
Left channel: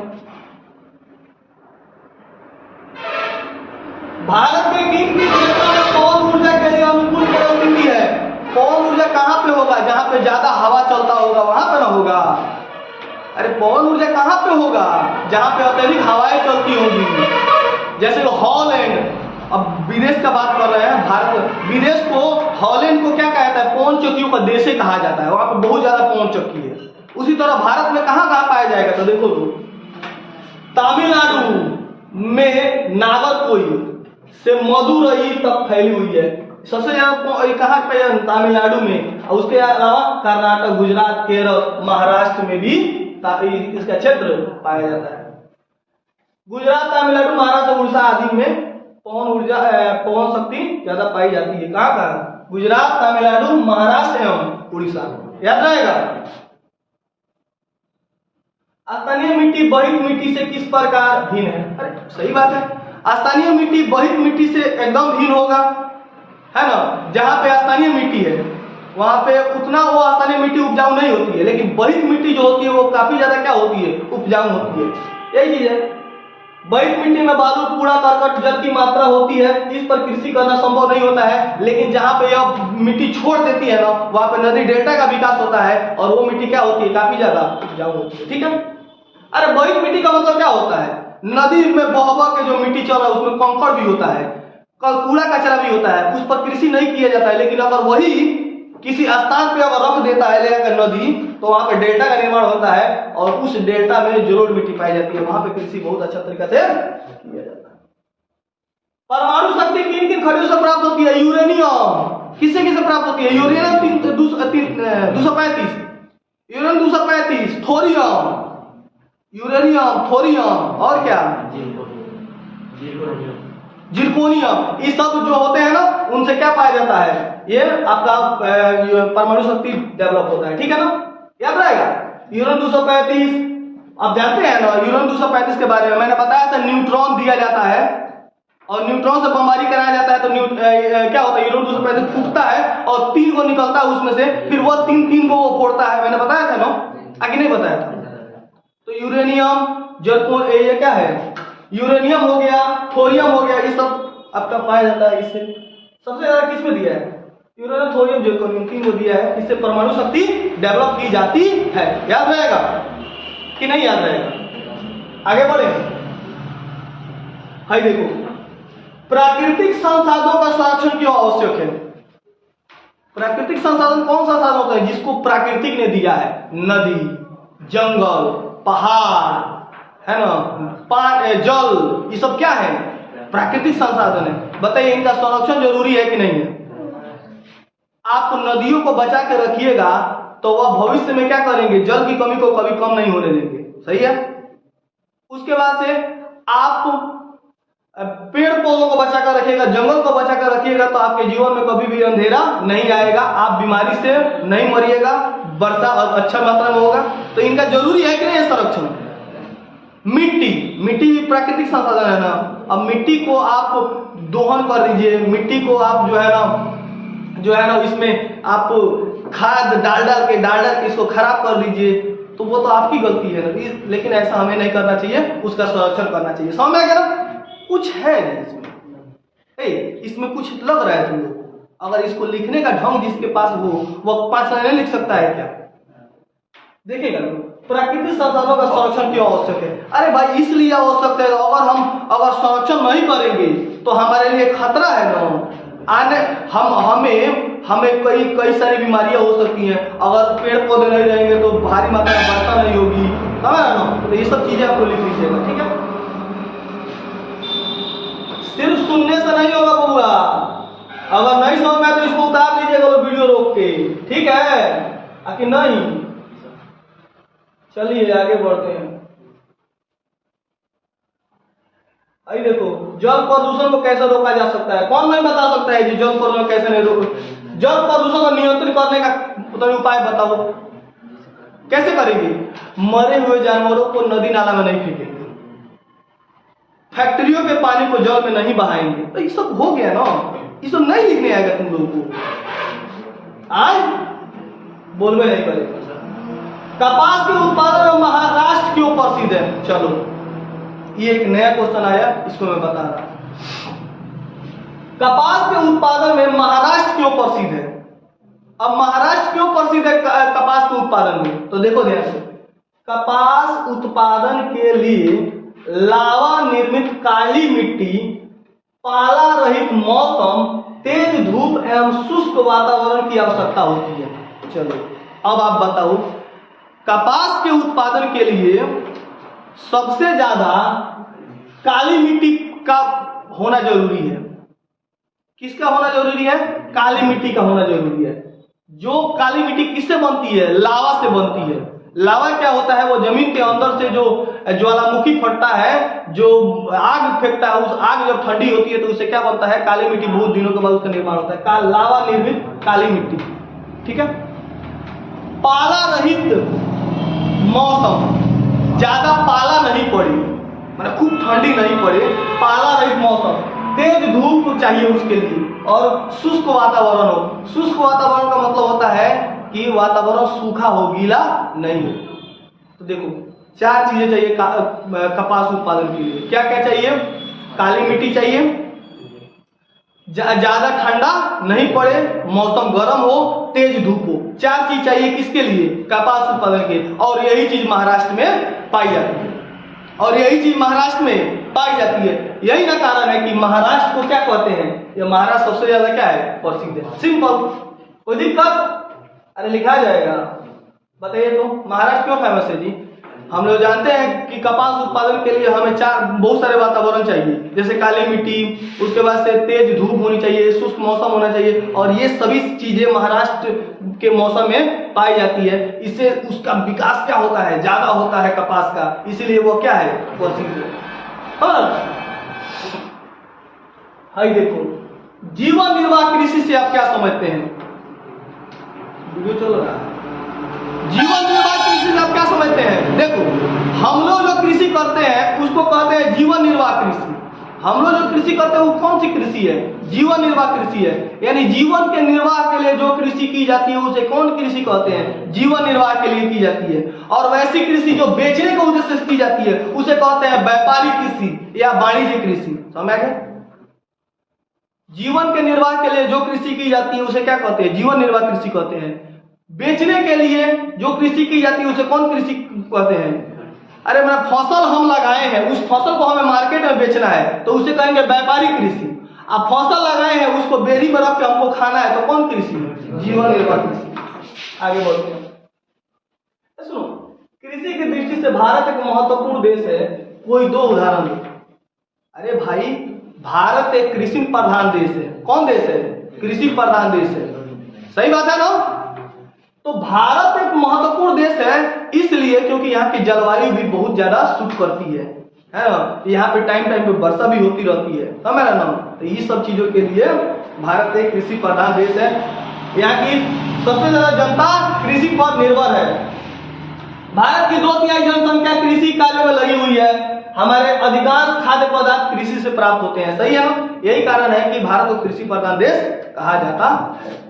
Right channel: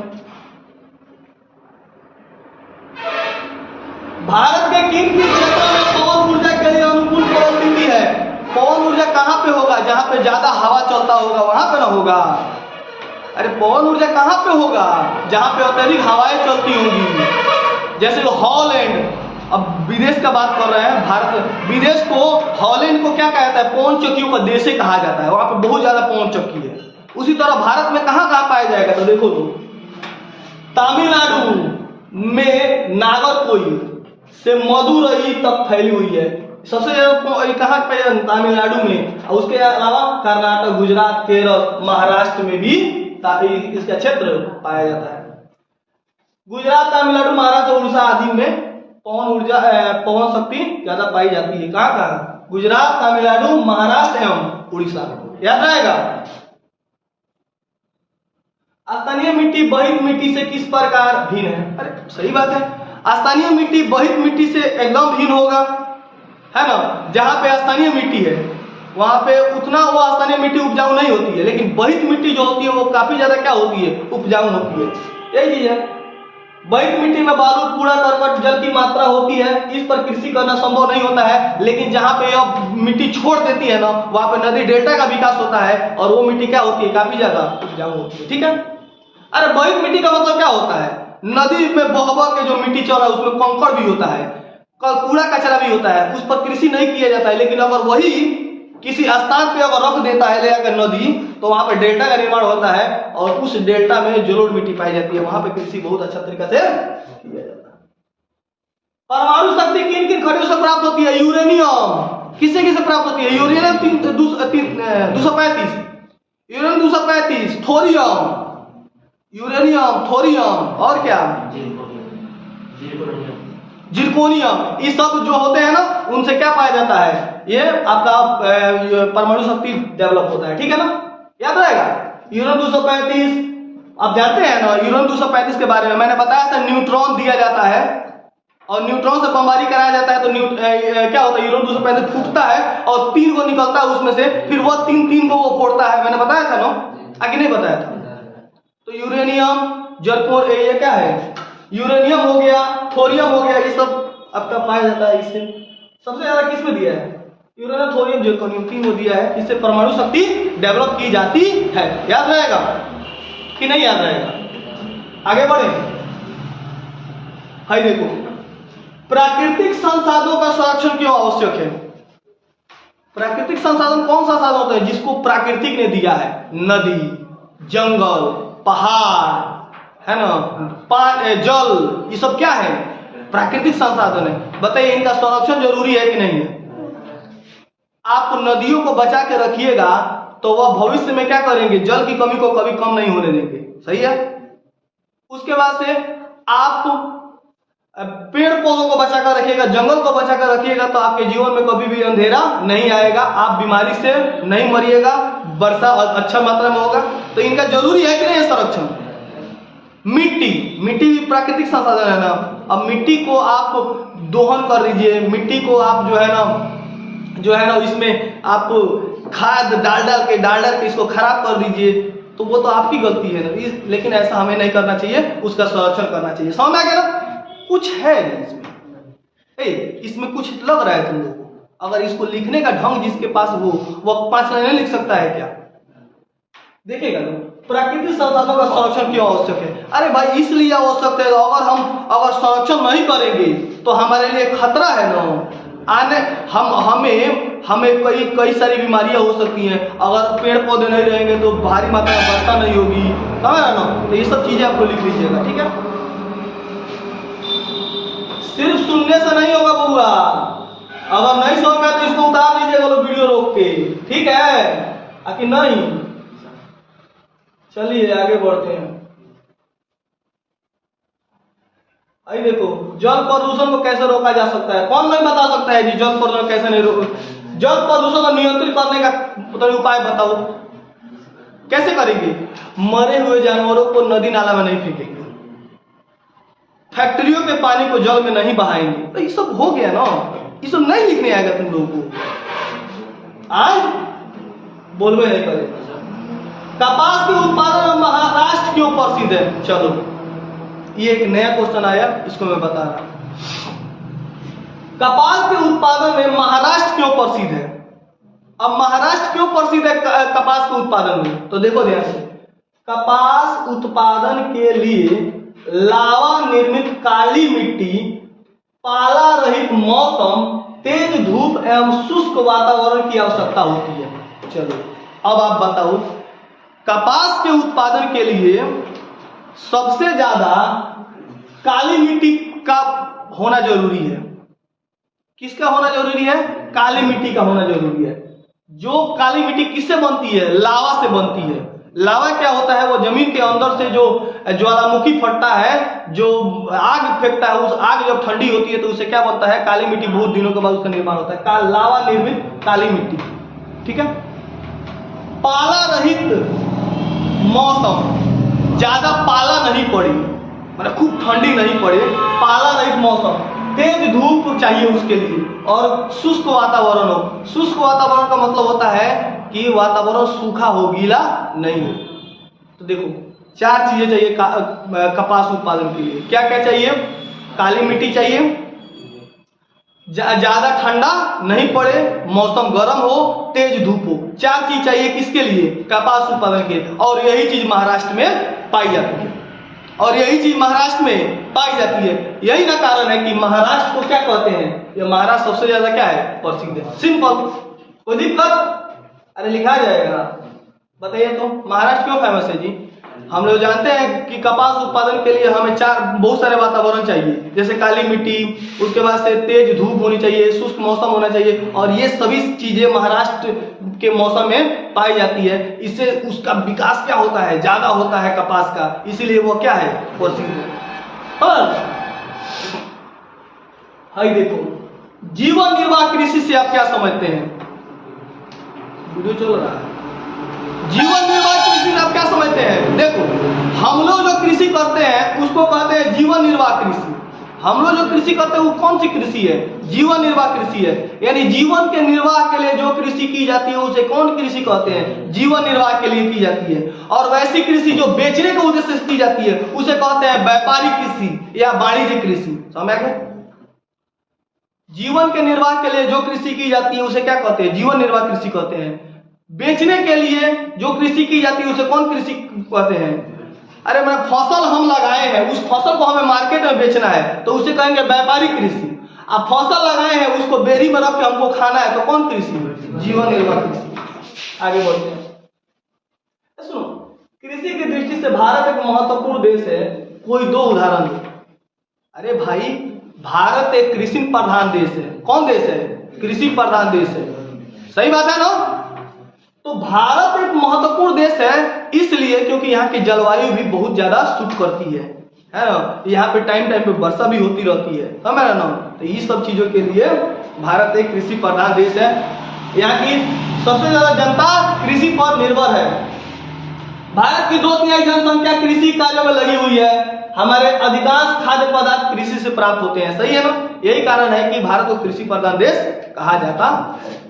भारत के किन किन क्षेत्रों में लिए अनुकूल परिस्थिति है। पवन ऊर्जा कहाँ पे होगा? जहाँ पे ज्यादा हवा चलता होगा वहां पे ना होगा। अरे पवन ऊर्जा कहाँ पे होगा? जहाँ पे अत्यधिक हवाएं चलती होंगी, जैसे हॉलैंड। अब विदेश का बात कर रहे हैं, भारत विदेश को, हॉलैंड को क्या कहता है? पवन चक्कियों का देश ही कहा जाता है, वहां पे बहुत ज्यादा पवन चक्की है। उसी तरह भारत में कहाँ कहाँ पाया जाएगा? तो देखो तमिलनाडु में नागरकोइल से मदुरई तक फैली हुई है, सबसे ज्यादा कहाँ पे? तमिलनाडु में। और उसके अलावा कर्नाटक, गुजरात, केरल, महाराष्ट्र में भी इसका क्षेत्र पाया जाता है। गुजरात, तमिलनाडु, महाराष्ट्र, उड़ीसा आदि में पवन ऊर्जा, पवन शक्ति ज्यादा पाई जाती है। कहाँ कहाँ? गुजरात, तमिलनाडु, महाराष्ट्र एवं उड़ीसा। याद रहेगा। स्थानीय मिट्टी बहित मिट्टी से किस प्रकार भिन्न है? अरे सही बात है, स्थानीय मिट्टी बहित मिट्टी से एकदम भिन्न होगा, है ना। जहाँ पे स्थानीय मिट्टी है वहां पे उतना वो स्थानीय मिट्टी उपजाऊ नहीं होती है, लेकिन बहित मिट्टी जो होती है वो काफी ज्यादा क्या होती है? उपजाऊ होती है। यही चीज है। बहित मिट्टी में बालू, कूड़ा करकट, जल की मात्रा होती है, इस पर कृषि करना संभव नहीं होता है। लेकिन जहाँ पे यह मिट्टी छोड़ देती है ना, वहां पे नदी डेल्टा का विकास होता है और वो मिट्टी क्या होती है? काफी ज्यादा उपजाऊ होती है। ठीक है। अरे बहित मिट्टी का मतलब क्या होता है? नदी में बह बह के जो मिट्टी चल रहा है उसमें कंकड़ भी होता है, कूड़ा कचरा भी होता है, उस पर कृषि नहीं किया जाता है। लेकिन अगर वही किसी स्थान पे अगर रख देता है ले जाकर नदी, तो वहां पे डेल्टा का निर्माण होता है और उस डेल्टा में जलोढ़ मिट्टी पाई जाती है, वहां पे कृषि बहुत अच्छा तरीके से किया जाता है। परमाणु शक्ति किन किन खनिजों से प्राप्त होती है? यूरेनियम किसे किसे प्राप्त होती है? Uranium 235, uranium 235, thorium, uranium, thorium और क्या? जिरकोनियम। ये सब जो होते हैं ना, उनसे क्या पाया जाता है? ये आपका परमाणु शक्ति डेवलप होता है। ठीक है ना, याद रहेगा। यूरेनियम 235 आप जानते हैं ना, यूरेनियम 235 के बारे में मैंने बताया था। न्यूट्रॉन दिया जाता है और न्यूट्रॉन से बमबारी कराया जाता है, तो क्या होता है? यूरेनियम 235 फूटता है और 3 को निकलता है उसमें से, फिर वो 3 को वो फोड़ता है। मैंने बताया था ना, आगे नहीं बताया था। तो यूरेनियम, जर्कोन, ये क्या है? यूरेनियम हो गया, थोरियम हो गया, ये सब आपका पाया जाता है। इससे सबसे ज्यादा किसमें दिया है? यूरेनियम, थोरियम, जर्कोनियम, 3 को दिया है। इससे परमाणु शक्ति डेवलप की जाती है। याद रहेगा कि नहीं याद रहेगा? आगे बढ़े। हाय देखो, प्राकृतिक संसाधनों का संरक्षण क्यों आवश्यक है? प्राकृतिक संसाधन कौन सा संसाधन होता है जिसको प्राकृतिक ने दिया है? नदी, जंगल, पहाड़, है ना, जल, ये सब क्या है? प्राकृतिक संसाधन है। बताइए इनका संरक्षण जरूरी है कि नहीं है? आप नदियों को बचा के रखिएगा तो वह भविष्य में क्या करेंगे? जल की कमी को कभी कम नहीं होने देंगे। सही है। उसके बाद से आप पेड़ पौधों को बचा कर रखिएगा, जंगल को बचा कर रखिएगा, तो आपके जीवन में कभी भी अंधेरा नहीं आएगा, आप बीमारी से नहीं मरिएगा, वर्षा अच्छा मात्रा में होगा। तो इनका जरूरी है कि नहीं संरक्षण? मिट्टी, मिट्टी प्राकृतिक संसाधन है ना। अब मिट्टी को आप दोहन कर दीजिए, मिट्टी को आप जो है ना इसमें आप खाद डाल के इसको खराब कर दीजिए, तो वो तो आपकी गलती है ना। लेकिन ऐसा हमें नहीं करना चाहिए, उसका संरक्षण करना चाहिए। समझ आ गया ना? कुछ है इसमें कुछ लग रहा है तुम लोग को। अगर इसको लिखने का ढंग जिसके पास वो 5 लाइनें लिख सकता है क्या? देखिएगा ना, प्राकृतिक संसाधनों का संरक्षण क्यों आवश्यक है? अरे भाई इसलिए आवश्यक है, अगर संरक्षण नहीं करेंगे तो हमारे लिए खतरा है ना। आने हमें कई सारी बीमारियां हो सकती हैं। अगर पेड़ पौधे नहीं रहेंगे तो भारी मात्रा में वर्षा नहीं होगी, समझ रहे ना। तो ये सब चीजें आपको लिख लीजिएगा। ठीक है। सिर्फ सुनने से नहीं होगा बबुआ, अगर नहीं समझ में तो इसको उतार लीजिएगा वीडियो रोक के। ठीक है कि नहीं? चलिए आगे बढ़ते हैं। आई देखो, जल प्रदूषण को कैसे रोका जा सकता है? कौन नहीं बता सकता है जी जल प्रदूषण कैसे नहीं रोक? जल प्रदूषण को नियंत्रित करने का उपाय बताओ, कैसे करेंगे? मरे हुए जानवरों को नदी नाला में नहीं फेंकेंगे, फैक्ट्रियों के पानी को जल में नहीं बहाएंगे। तो ये सब हो गया ना, ये सब नहीं लिखने आएगा तुम लोगों को। आज बोलवे नहीं करेगा। कपास के उत्पादन में महाराष्ट्र क्यों प्रसिद्ध है? चलो ये एक नया क्वेश्चन आया, इसको मैं बता रहा हूं। कपास के उत्पादन में महाराष्ट्र क्यों प्रसिद्ध है? अब महाराष्ट्र क्यों प्रसिद्ध है कपास के उत्पादन में? तो देखो ध्यान से, कपास उत्पादन के लिए लावा निर्मित काली मिट्टी, पाला रहित मौसम, तेज धूप एवं शुष्क वातावरण की आवश्यकता होती है। चलो अब आप बताओ, कपास के उत्पादन के लिए सबसे ज्यादा काली मिट्टी का होना जरूरी है। किसका होना जरूरी है? काली मिट्टी का होना जरूरी है। जो काली मिट्टी किससे बनती है? लावा से बनती है। लावा क्या होता है? वो जमीन के अंदर से जो ज्वालामुखी फटता है, जो आग फेंकता है, उस आग जब ठंडी होती है तो उससे क्या बनता है? काली मिट्टी। बहुत दिनों के बाद उसका निर्माण होता है, लावा निर्मित काली मिट्टी। ठीक है। पाला रहित मौसम, ज्यादा पाला नहीं पड़े, मतलब खूब ठंडी नहीं पड़े, पाला रहित मौसम, तेज धूप चाहिए उसके लिए, और शुष्क वातावरण हो। शुष्क वातावरण का मतलब होता है कि वातावरण सूखा हो, गीला नहीं हो। तो देखो 4 चीजें चाहिए कपास उत्पादन के लिए। क्या क्या चाहिए? काली मिट्टी चाहिए, ज्यादा ठंडा नहीं पड़े, मौसम गर्म हो, तेज धूप हो। 4 चीज चाहिए किसके लिए? कपास उत्पादन के। और यही चीज महाराष्ट्र में पाई जाती है, और यही चीज महाराष्ट्र में पाई जाती है। यही ना कारण है कि महाराष्ट्र को क्या कहते हैं? ये महाराष्ट्र सबसे ज्यादा क्या है? प्रसिद्ध है। सिंपल। कोई दिक्कत? अरे लिखा जाएगा, बताइए तो महाराष्ट्र क्यों फेमस है जी? हम लोग जानते हैं कि कपास उत्पादन के लिए हमें बहुत सारे वातावरण चाहिए, जैसे काली मिट्टी, उसके बाद से तेज धूप होनी चाहिए, शुष्क मौसम होना चाहिए, और ये सभी चीजें महाराष्ट्र के मौसम में पाई जाती है। इससे उसका विकास क्या होता है? ज्यादा होता है कपास का, इसीलिए वो क्या है? प्रसिद्ध है। हाय देखो, जीवन निर्वाह कृषि से आप क्या समझते हैं? वीडियो चल रहा है। जीवन निर्वाह कृषि से आप क्या समझते हैं? देखो, हम लोग जो कृषि करते हैं उसको कहते हैं जीवन निर्वाह कृषि। हम लोग जो कृषि करते हैं वो कौन सी कृषि है? जीवन निर्वाह कृषि है। यानी जीवन के निर्वाह के लिए जो कृषि की जाती है उसे कौन कृषि कहते हैं? जीवन निर्वाह के लिए की जाती है। और वैसी कृषि जो बेचने के उद्देश्य से की जाती है उसे कहते हैं व्यापारिक कृषि या वाणिज्य कृषि। समझ गए? जीवन के निर्वाह के लिए जो कृषि की जाती है उसे क्या कहते हैं? जीवन निर्वाह कृषि कहते हैं। बेचने के लिए जो कृषि की जाती है उसे कौन कृषि कहते हैं? अरे मैं फसल हम लगाए हैं, उस फसल को हमें मार्केट में बेचना है तो उसे कहेंगे व्यापारिक कृषि। अब फसल लगाए हैं, उसको बेरी में रख के हमको खाना है तो कौन कृषि? जीवन निर्वाह कृषि। आगे बढ़ते हैं। सुनो, कृषि की दृष्टि से भारत एक महत्वपूर्ण देश है। कोई 2 उदाहरण दो। अरे भाई, भारत एक कृषि प्रधान देश है। कौन देश है? कृषि प्रधान देश है। सही बात है ना? तो भारत एक महत्वपूर्ण देश है इसलिए क्योंकि यहाँ की जलवायु भी बहुत ज्यादा सूट करती है ना? यहाँ पे टाइम टाइम पे वर्षा भी होती रहती है, समझ ना? तो ये सब चीजों के लिए भारत एक कृषि प्रधान देश है। यहाँ की सबसे ज्यादा जनता कृषि पर निर्भर है। भारत की 2/3 जनसंख्या कृषि कार्यों में लगी हुई है। हमारे अधिकांश खाद्य पदार्थ कृषि से प्राप्त होते हैं। सही है ना? यही कारण है कि भारत को कृषि प्रधान देश कहा जाता है।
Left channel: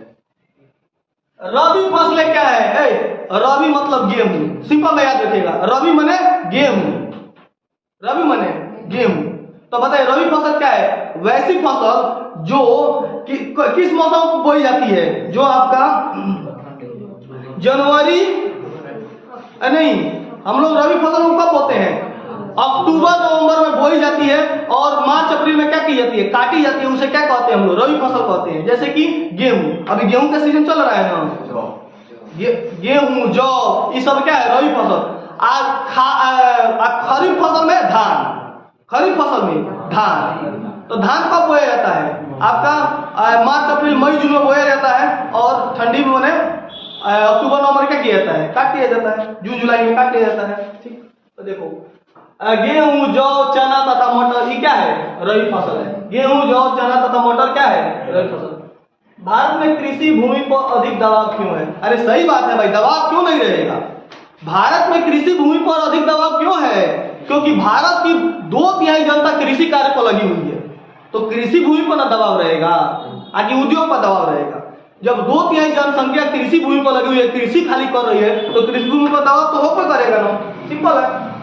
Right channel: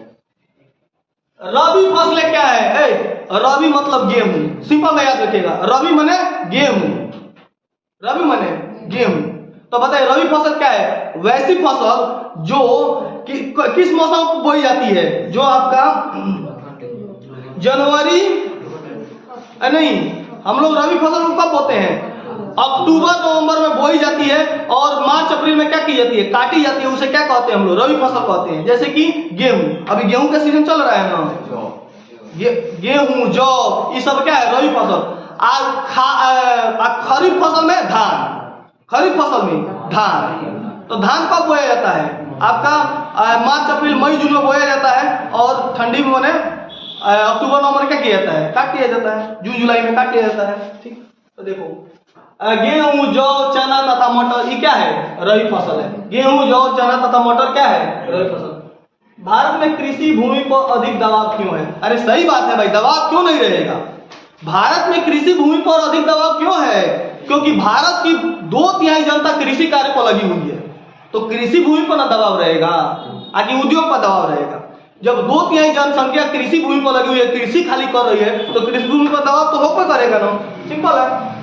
रबी फसलें क्या है? रबी मतलब गेहूं। सिंपल में याद रखिएगा, रबी माने गेहूं। रबी माने गेहूं। तो बताइए रबी फसल क्या है? वैसी फसल जो किस मौसम में बोई जाती है? जो आपका जनवरी नहीं, हम लोग रबी फसल को कब बोते हैं? अक्टूबर नवंबर में बोई जाती है और मार्च अप्रैल में क्या की जाती है? काटी जाती है। उसे क्या कहते हैं? हम लोग रबी फसल कहते हैं। जैसे कि गेहूं, अभी गेहूं का सीजन चल रहा है ना, गेहूं, जौ, ये सब क्या है? रबी फसल। खरीफ फसल में धान। खरीफ फसल में धान। तो धान कब बोया जाता है? आपका मार्च अप्रैल मई जून में बोया जाता है, और ठंडी में मैंने अक्टूबर नवंबर क्या किया जाता है? काट किया जाता है। जून जुलाई में काट किया जाता है। ठीक, तो देखो गेहूं, जौ, चना तथा मटर ये क्या है? रबी फसल है। गेहूं, जौ, चना तथा मटर क्या है? रबी फसल। भारत में कृषि भूमि पर अधिक दबाव क्यों है? अरे सही बात है भाई, दबाव क्यों नहीं रहेगा? भारत में कृषि भूमि पर अधिक दबाव क्यों है? क्योंकि भारत की 2/3 जनता कृषि कार्य पर लगी हुई है। तो कृषि भूमि पर ना दबाव रहेगा, आगे उद्योग पर दबाव रहेगा। जब 2/3 जनसंख्या कृषि भूमि पर लगी हुई है, कृषि खाली कर रही है, तो कृषि भूमि पर दबाव तो होकर करेगा ना। सिंपल है।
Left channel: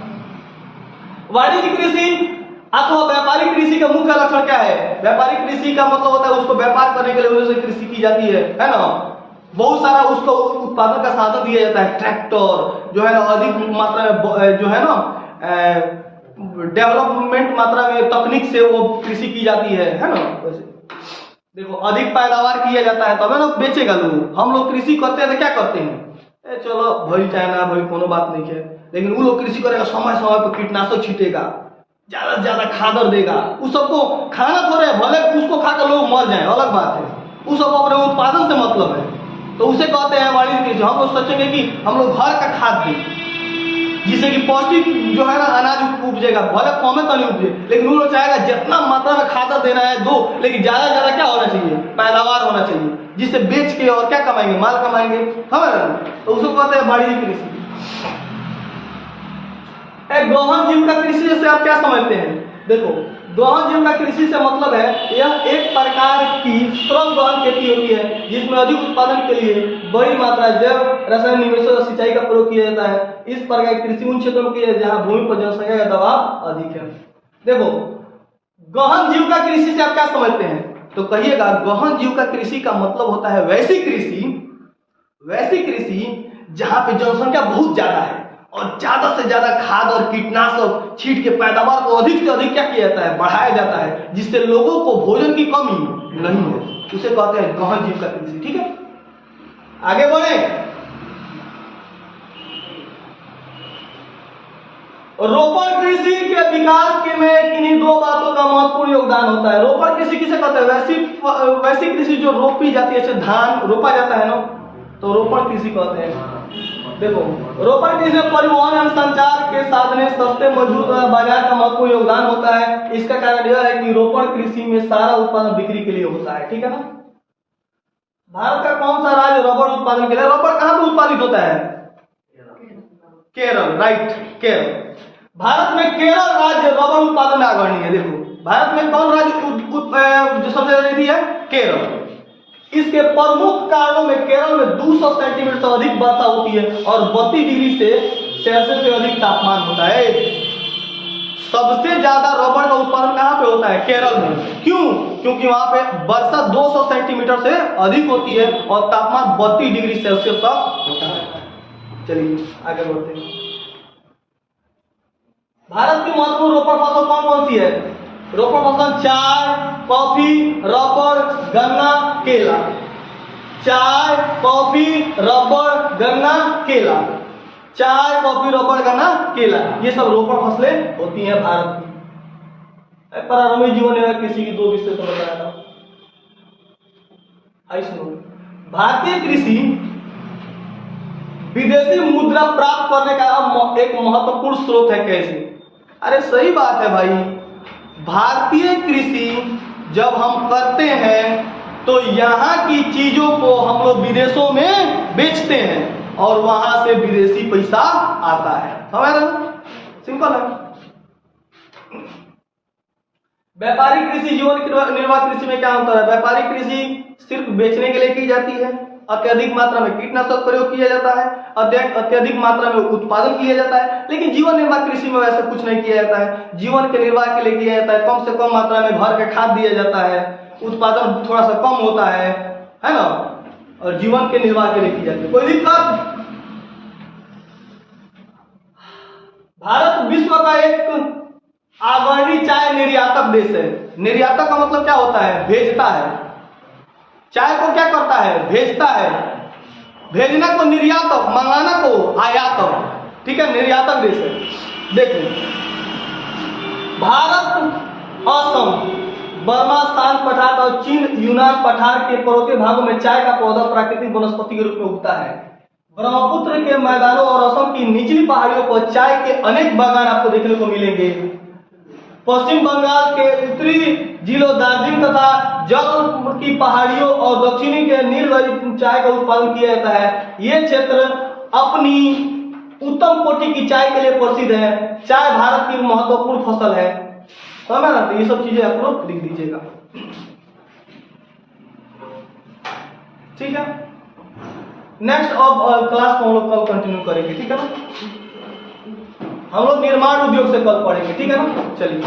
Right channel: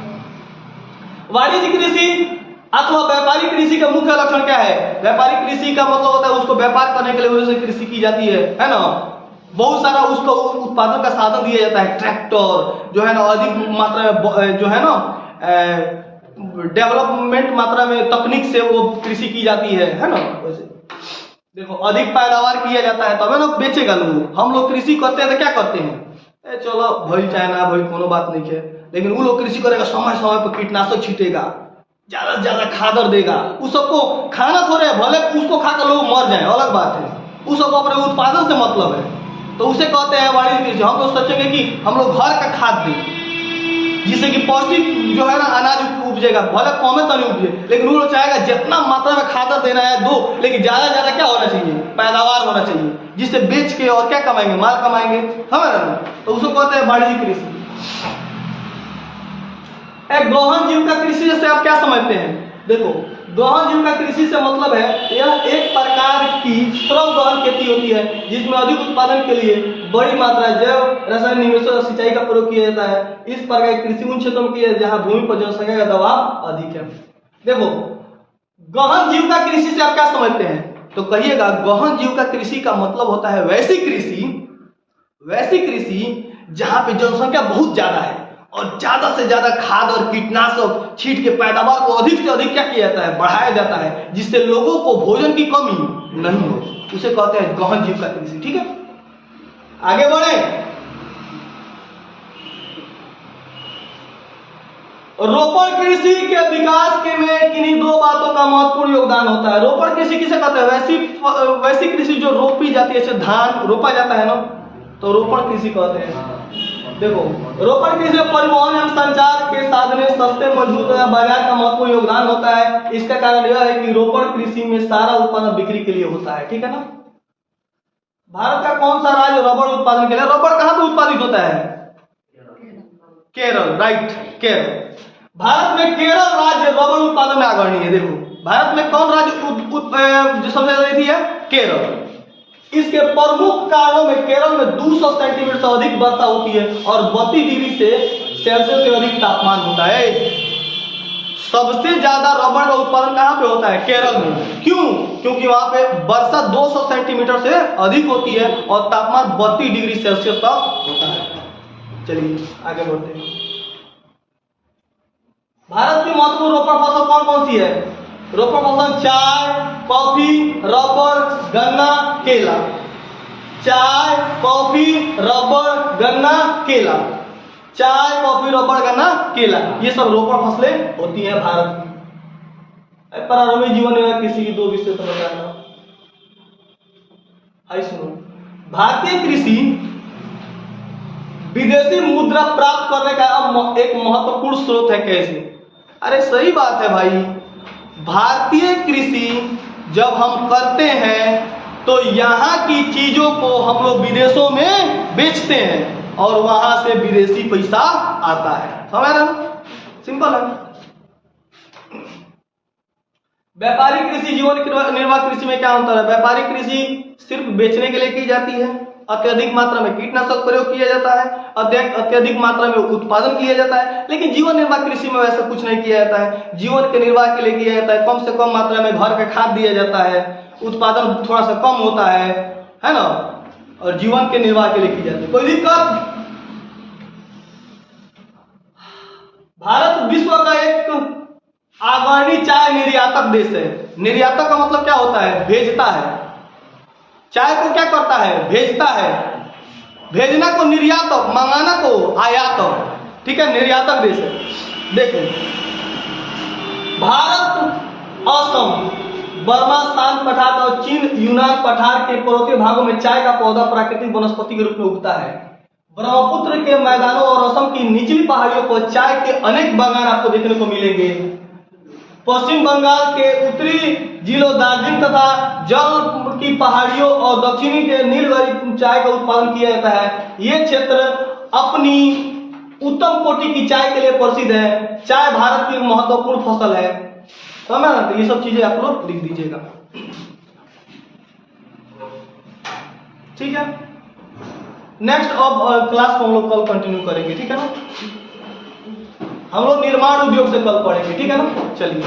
वाणिज्य कृषि अथवा व्यापारिक कृषि का मुख्य लक्षण क्या है? व्यापारिक कृषि का मतलब होता है उसको व्यापार करने के लिए वजह से कृषि की जाती है ना। बहुत सारा उसको उत्पादन का साधन दिया जाता है, ट्रैक्टर जो है ना, अधिक मात्रा में जो है ना डेवलपमेंट मात्रा में तकनीक से वो कृषि की जाती है ना। वैसे देखो अधिक पैदावार किया जाता है तब ना बेचेगा लोग। हम लोग कृषि करते हैं तो क्या करते हैं, चलो भाई चाइना भाई कोनो बात नहीं है, लेकिन वो लोग कृषि करेगा, समय समय पर कीटनाशक छीटेगा, ज्यादा से ज्यादा खादर देगा। उस सबको खाना थोड़े है, भले उसको खाकर लोग मर जाए अलग बात है, उस सबको अपने उत्पादन से मतलब है। तो उसे कहते हैं वाणिज्य कृषि। हम लोग सोचेंगे कि हम लोग घर का खाद दें जिससे कि पौष्टिक जो है ना अनाज उपजेगा, भले कमे तो नहीं उपजे, लेकिन वो लोग चाहेगा जितना मात्रा में खादर देना है दो, लेकिन ज्यादा से ज्यादा क्या होना चाहिए, पैदावार होना चाहिए, जिससे बेच के और क्या कमाएंगे, माल कमाएंगे हमारा। तो उसको कहते हैं वाणिज्य कृषि। गहन जीविका कृषि से आप क्या समझते हैं? देखो गहन जीविका कृषि से मतलब है यह एक प्रकार की श्रम गहन खेती होती है जिसमें अधिक उत्पादन के लिए बड़ी मात्रा जैव रसायन निवेशों और सिंचाई का प्रयोग किया जाता है। इस प्रकार की कृषि उन क्षेत्रों में की है जहां भूमि पर जनसंख्या का दबाव अधिक है। देखो गहन जीविका कृषि से आप क्या समझते हैं? तो कहिएगा गहन जीविका कृषि का मतलब होता है वैसी कृषि जहां पे जनसंख्या बहुत ज्यादा है और ज्यादा से ज्यादा खाद और कीटनाशक छीट के पैदावार को अधिक से अधिक क्या किया जाता है, बढ़ाया जाता है, जिससे लोगों को भोजन की कमी नहीं हो। उसे कहते हैं गहन जीविका कृषि। ठीक है, आगे बढ़े। रोपण कृषि के विकास के में किन्हीं दो बातों का महत्वपूर्ण योगदान होता है। रोपण कृषि किसे कहते हैं? वैसी कृषि जो रोपी जाती है, जैसे धान रोपा जाता है ना, तो रोपण कृषि कहते हैं। देखो रोपण कृषि में परिवहन एवं संचार के साधन सस्ते मजबूत और बाजार का महत्वपूर्ण योगदान होता है। इसका कारण यह है कि रोपण कृषि में सारा उत्पादन बिक्री के लिए होता है। ठीक है ना। भारत का कौन सा राज्य रबर उत्पादन के लिए, रबर कहां पे उत्पादित होता है? केरल, राइट, केरल। भारत में केरल राज्य रबर उत्पादन में अग्रणी है। देखो भारत में कौन राज्य जो सबसे ज्यादा है? केरल। इसके प्रमुख कारणों में केरल में 200 सेंटीमीटर से अधिक वर्षा होती है और 32 डिग्री सेल्सियस से अधिक तापमान होता है। सबसे ज्यादा रबर का उत्पादन कहां पे होता है? केरल में। क्यों? क्योंकि वहां पे वर्षा 200 सेंटीमीटर से अधिक होती है और तापमान 32 डिग्री सेल्सियस तक होता है। चलिए आगे बढ़ते हैं। भारत की महत्वपूर्ण रोपण फसल कौन कौन सी है? रोपण फसल चाय, कॉफी, रबर, गन्ना, केला। चाय, कॉफी, रबर, गन्ना, केला। चाय, कॉफी, रबर, गन्ना, केला, ये सब रोपण फसलें होती हैं भारत की। प्रारंभिक जीवन में कृषि की दो विषय तो बताया था। सुनो, भारतीय कृषि विदेशी मुद्रा प्राप्त करने का एक महत्वपूर्ण स्रोत है। कैसे? अरे सही बात है भाई, भारतीय कृषि जब हम करते हैं तो यहाँ की चीजों को हम लोग विदेशों में बेचते हैं और वहां से विदेशी पैसा आता है। समझ रहे? सिंपल है। व्यापारिक कृषि जीवन निर्वाह कृषि में क्या अंतर है? व्यापारिक कृषि सिर्फ बेचने के लिए की जाती है, अत्यधिक मात्रा में कीटनाशक प्रयोग किया जाता है, अत्यधिक मात्रा में उत्पादन किया जाता है। लेकिन जीवन निर्वाह कृषि में वैसा कुछ नहीं किया जाता है। जीवन के निर्वाह के लिए किया जाता है, कम से कम मात्रा में घर का खाद दिया जाता है, उत्पादन थोड़ा सा कम होता है ना, और जीवन के निर्वाह के लिए की जाती है। कोई दिक्कत? भारत विश्व का एक अग्रणी चाय निर्यातक देश है। निर्यातक का मतलब क्या होता है? भेजता है। चाय को क्या करता है? भेजता है। भेजना को निर्यातक, मंगाना को आयातक। ठीक है, निर्यातक देश है। देखो भारत, असम, बर्मा शांत पठार और चीन यूनान पठार के पर्वतीय भागों में चाय का पौधा प्राकृतिक वनस्पति के रूप में उगता है। ब्रह्मपुत्र के मैदानों और असम की निचली पहाड़ियों पर चाय के अनेक बागान आपको देखने को मिलेंगे। पश्चिम बंगाल के उत्तरी जिलों दार्जिलिंग तथा जल की पहाड़ियों और दक्षिणी के नीलगिरी चाय का उत्पादन किया जाता है। ये क्षेत्र अपनी उत्तम कोटि की चाय के लिए प्रसिद्ध है। चाय भारत की महत्वपूर्ण फसल है। समझ ना? तो ये सब चीजें आप लोग लिख दीजिएगा। ठीक है, नेक्स्ट अब क्लास को हम लोग कल कंटिन्यू करेंगे। ठीक है ना, हम लोग निर्माण उद्योग से कल पढ़ेंगे। ठीक है ना, चलिए।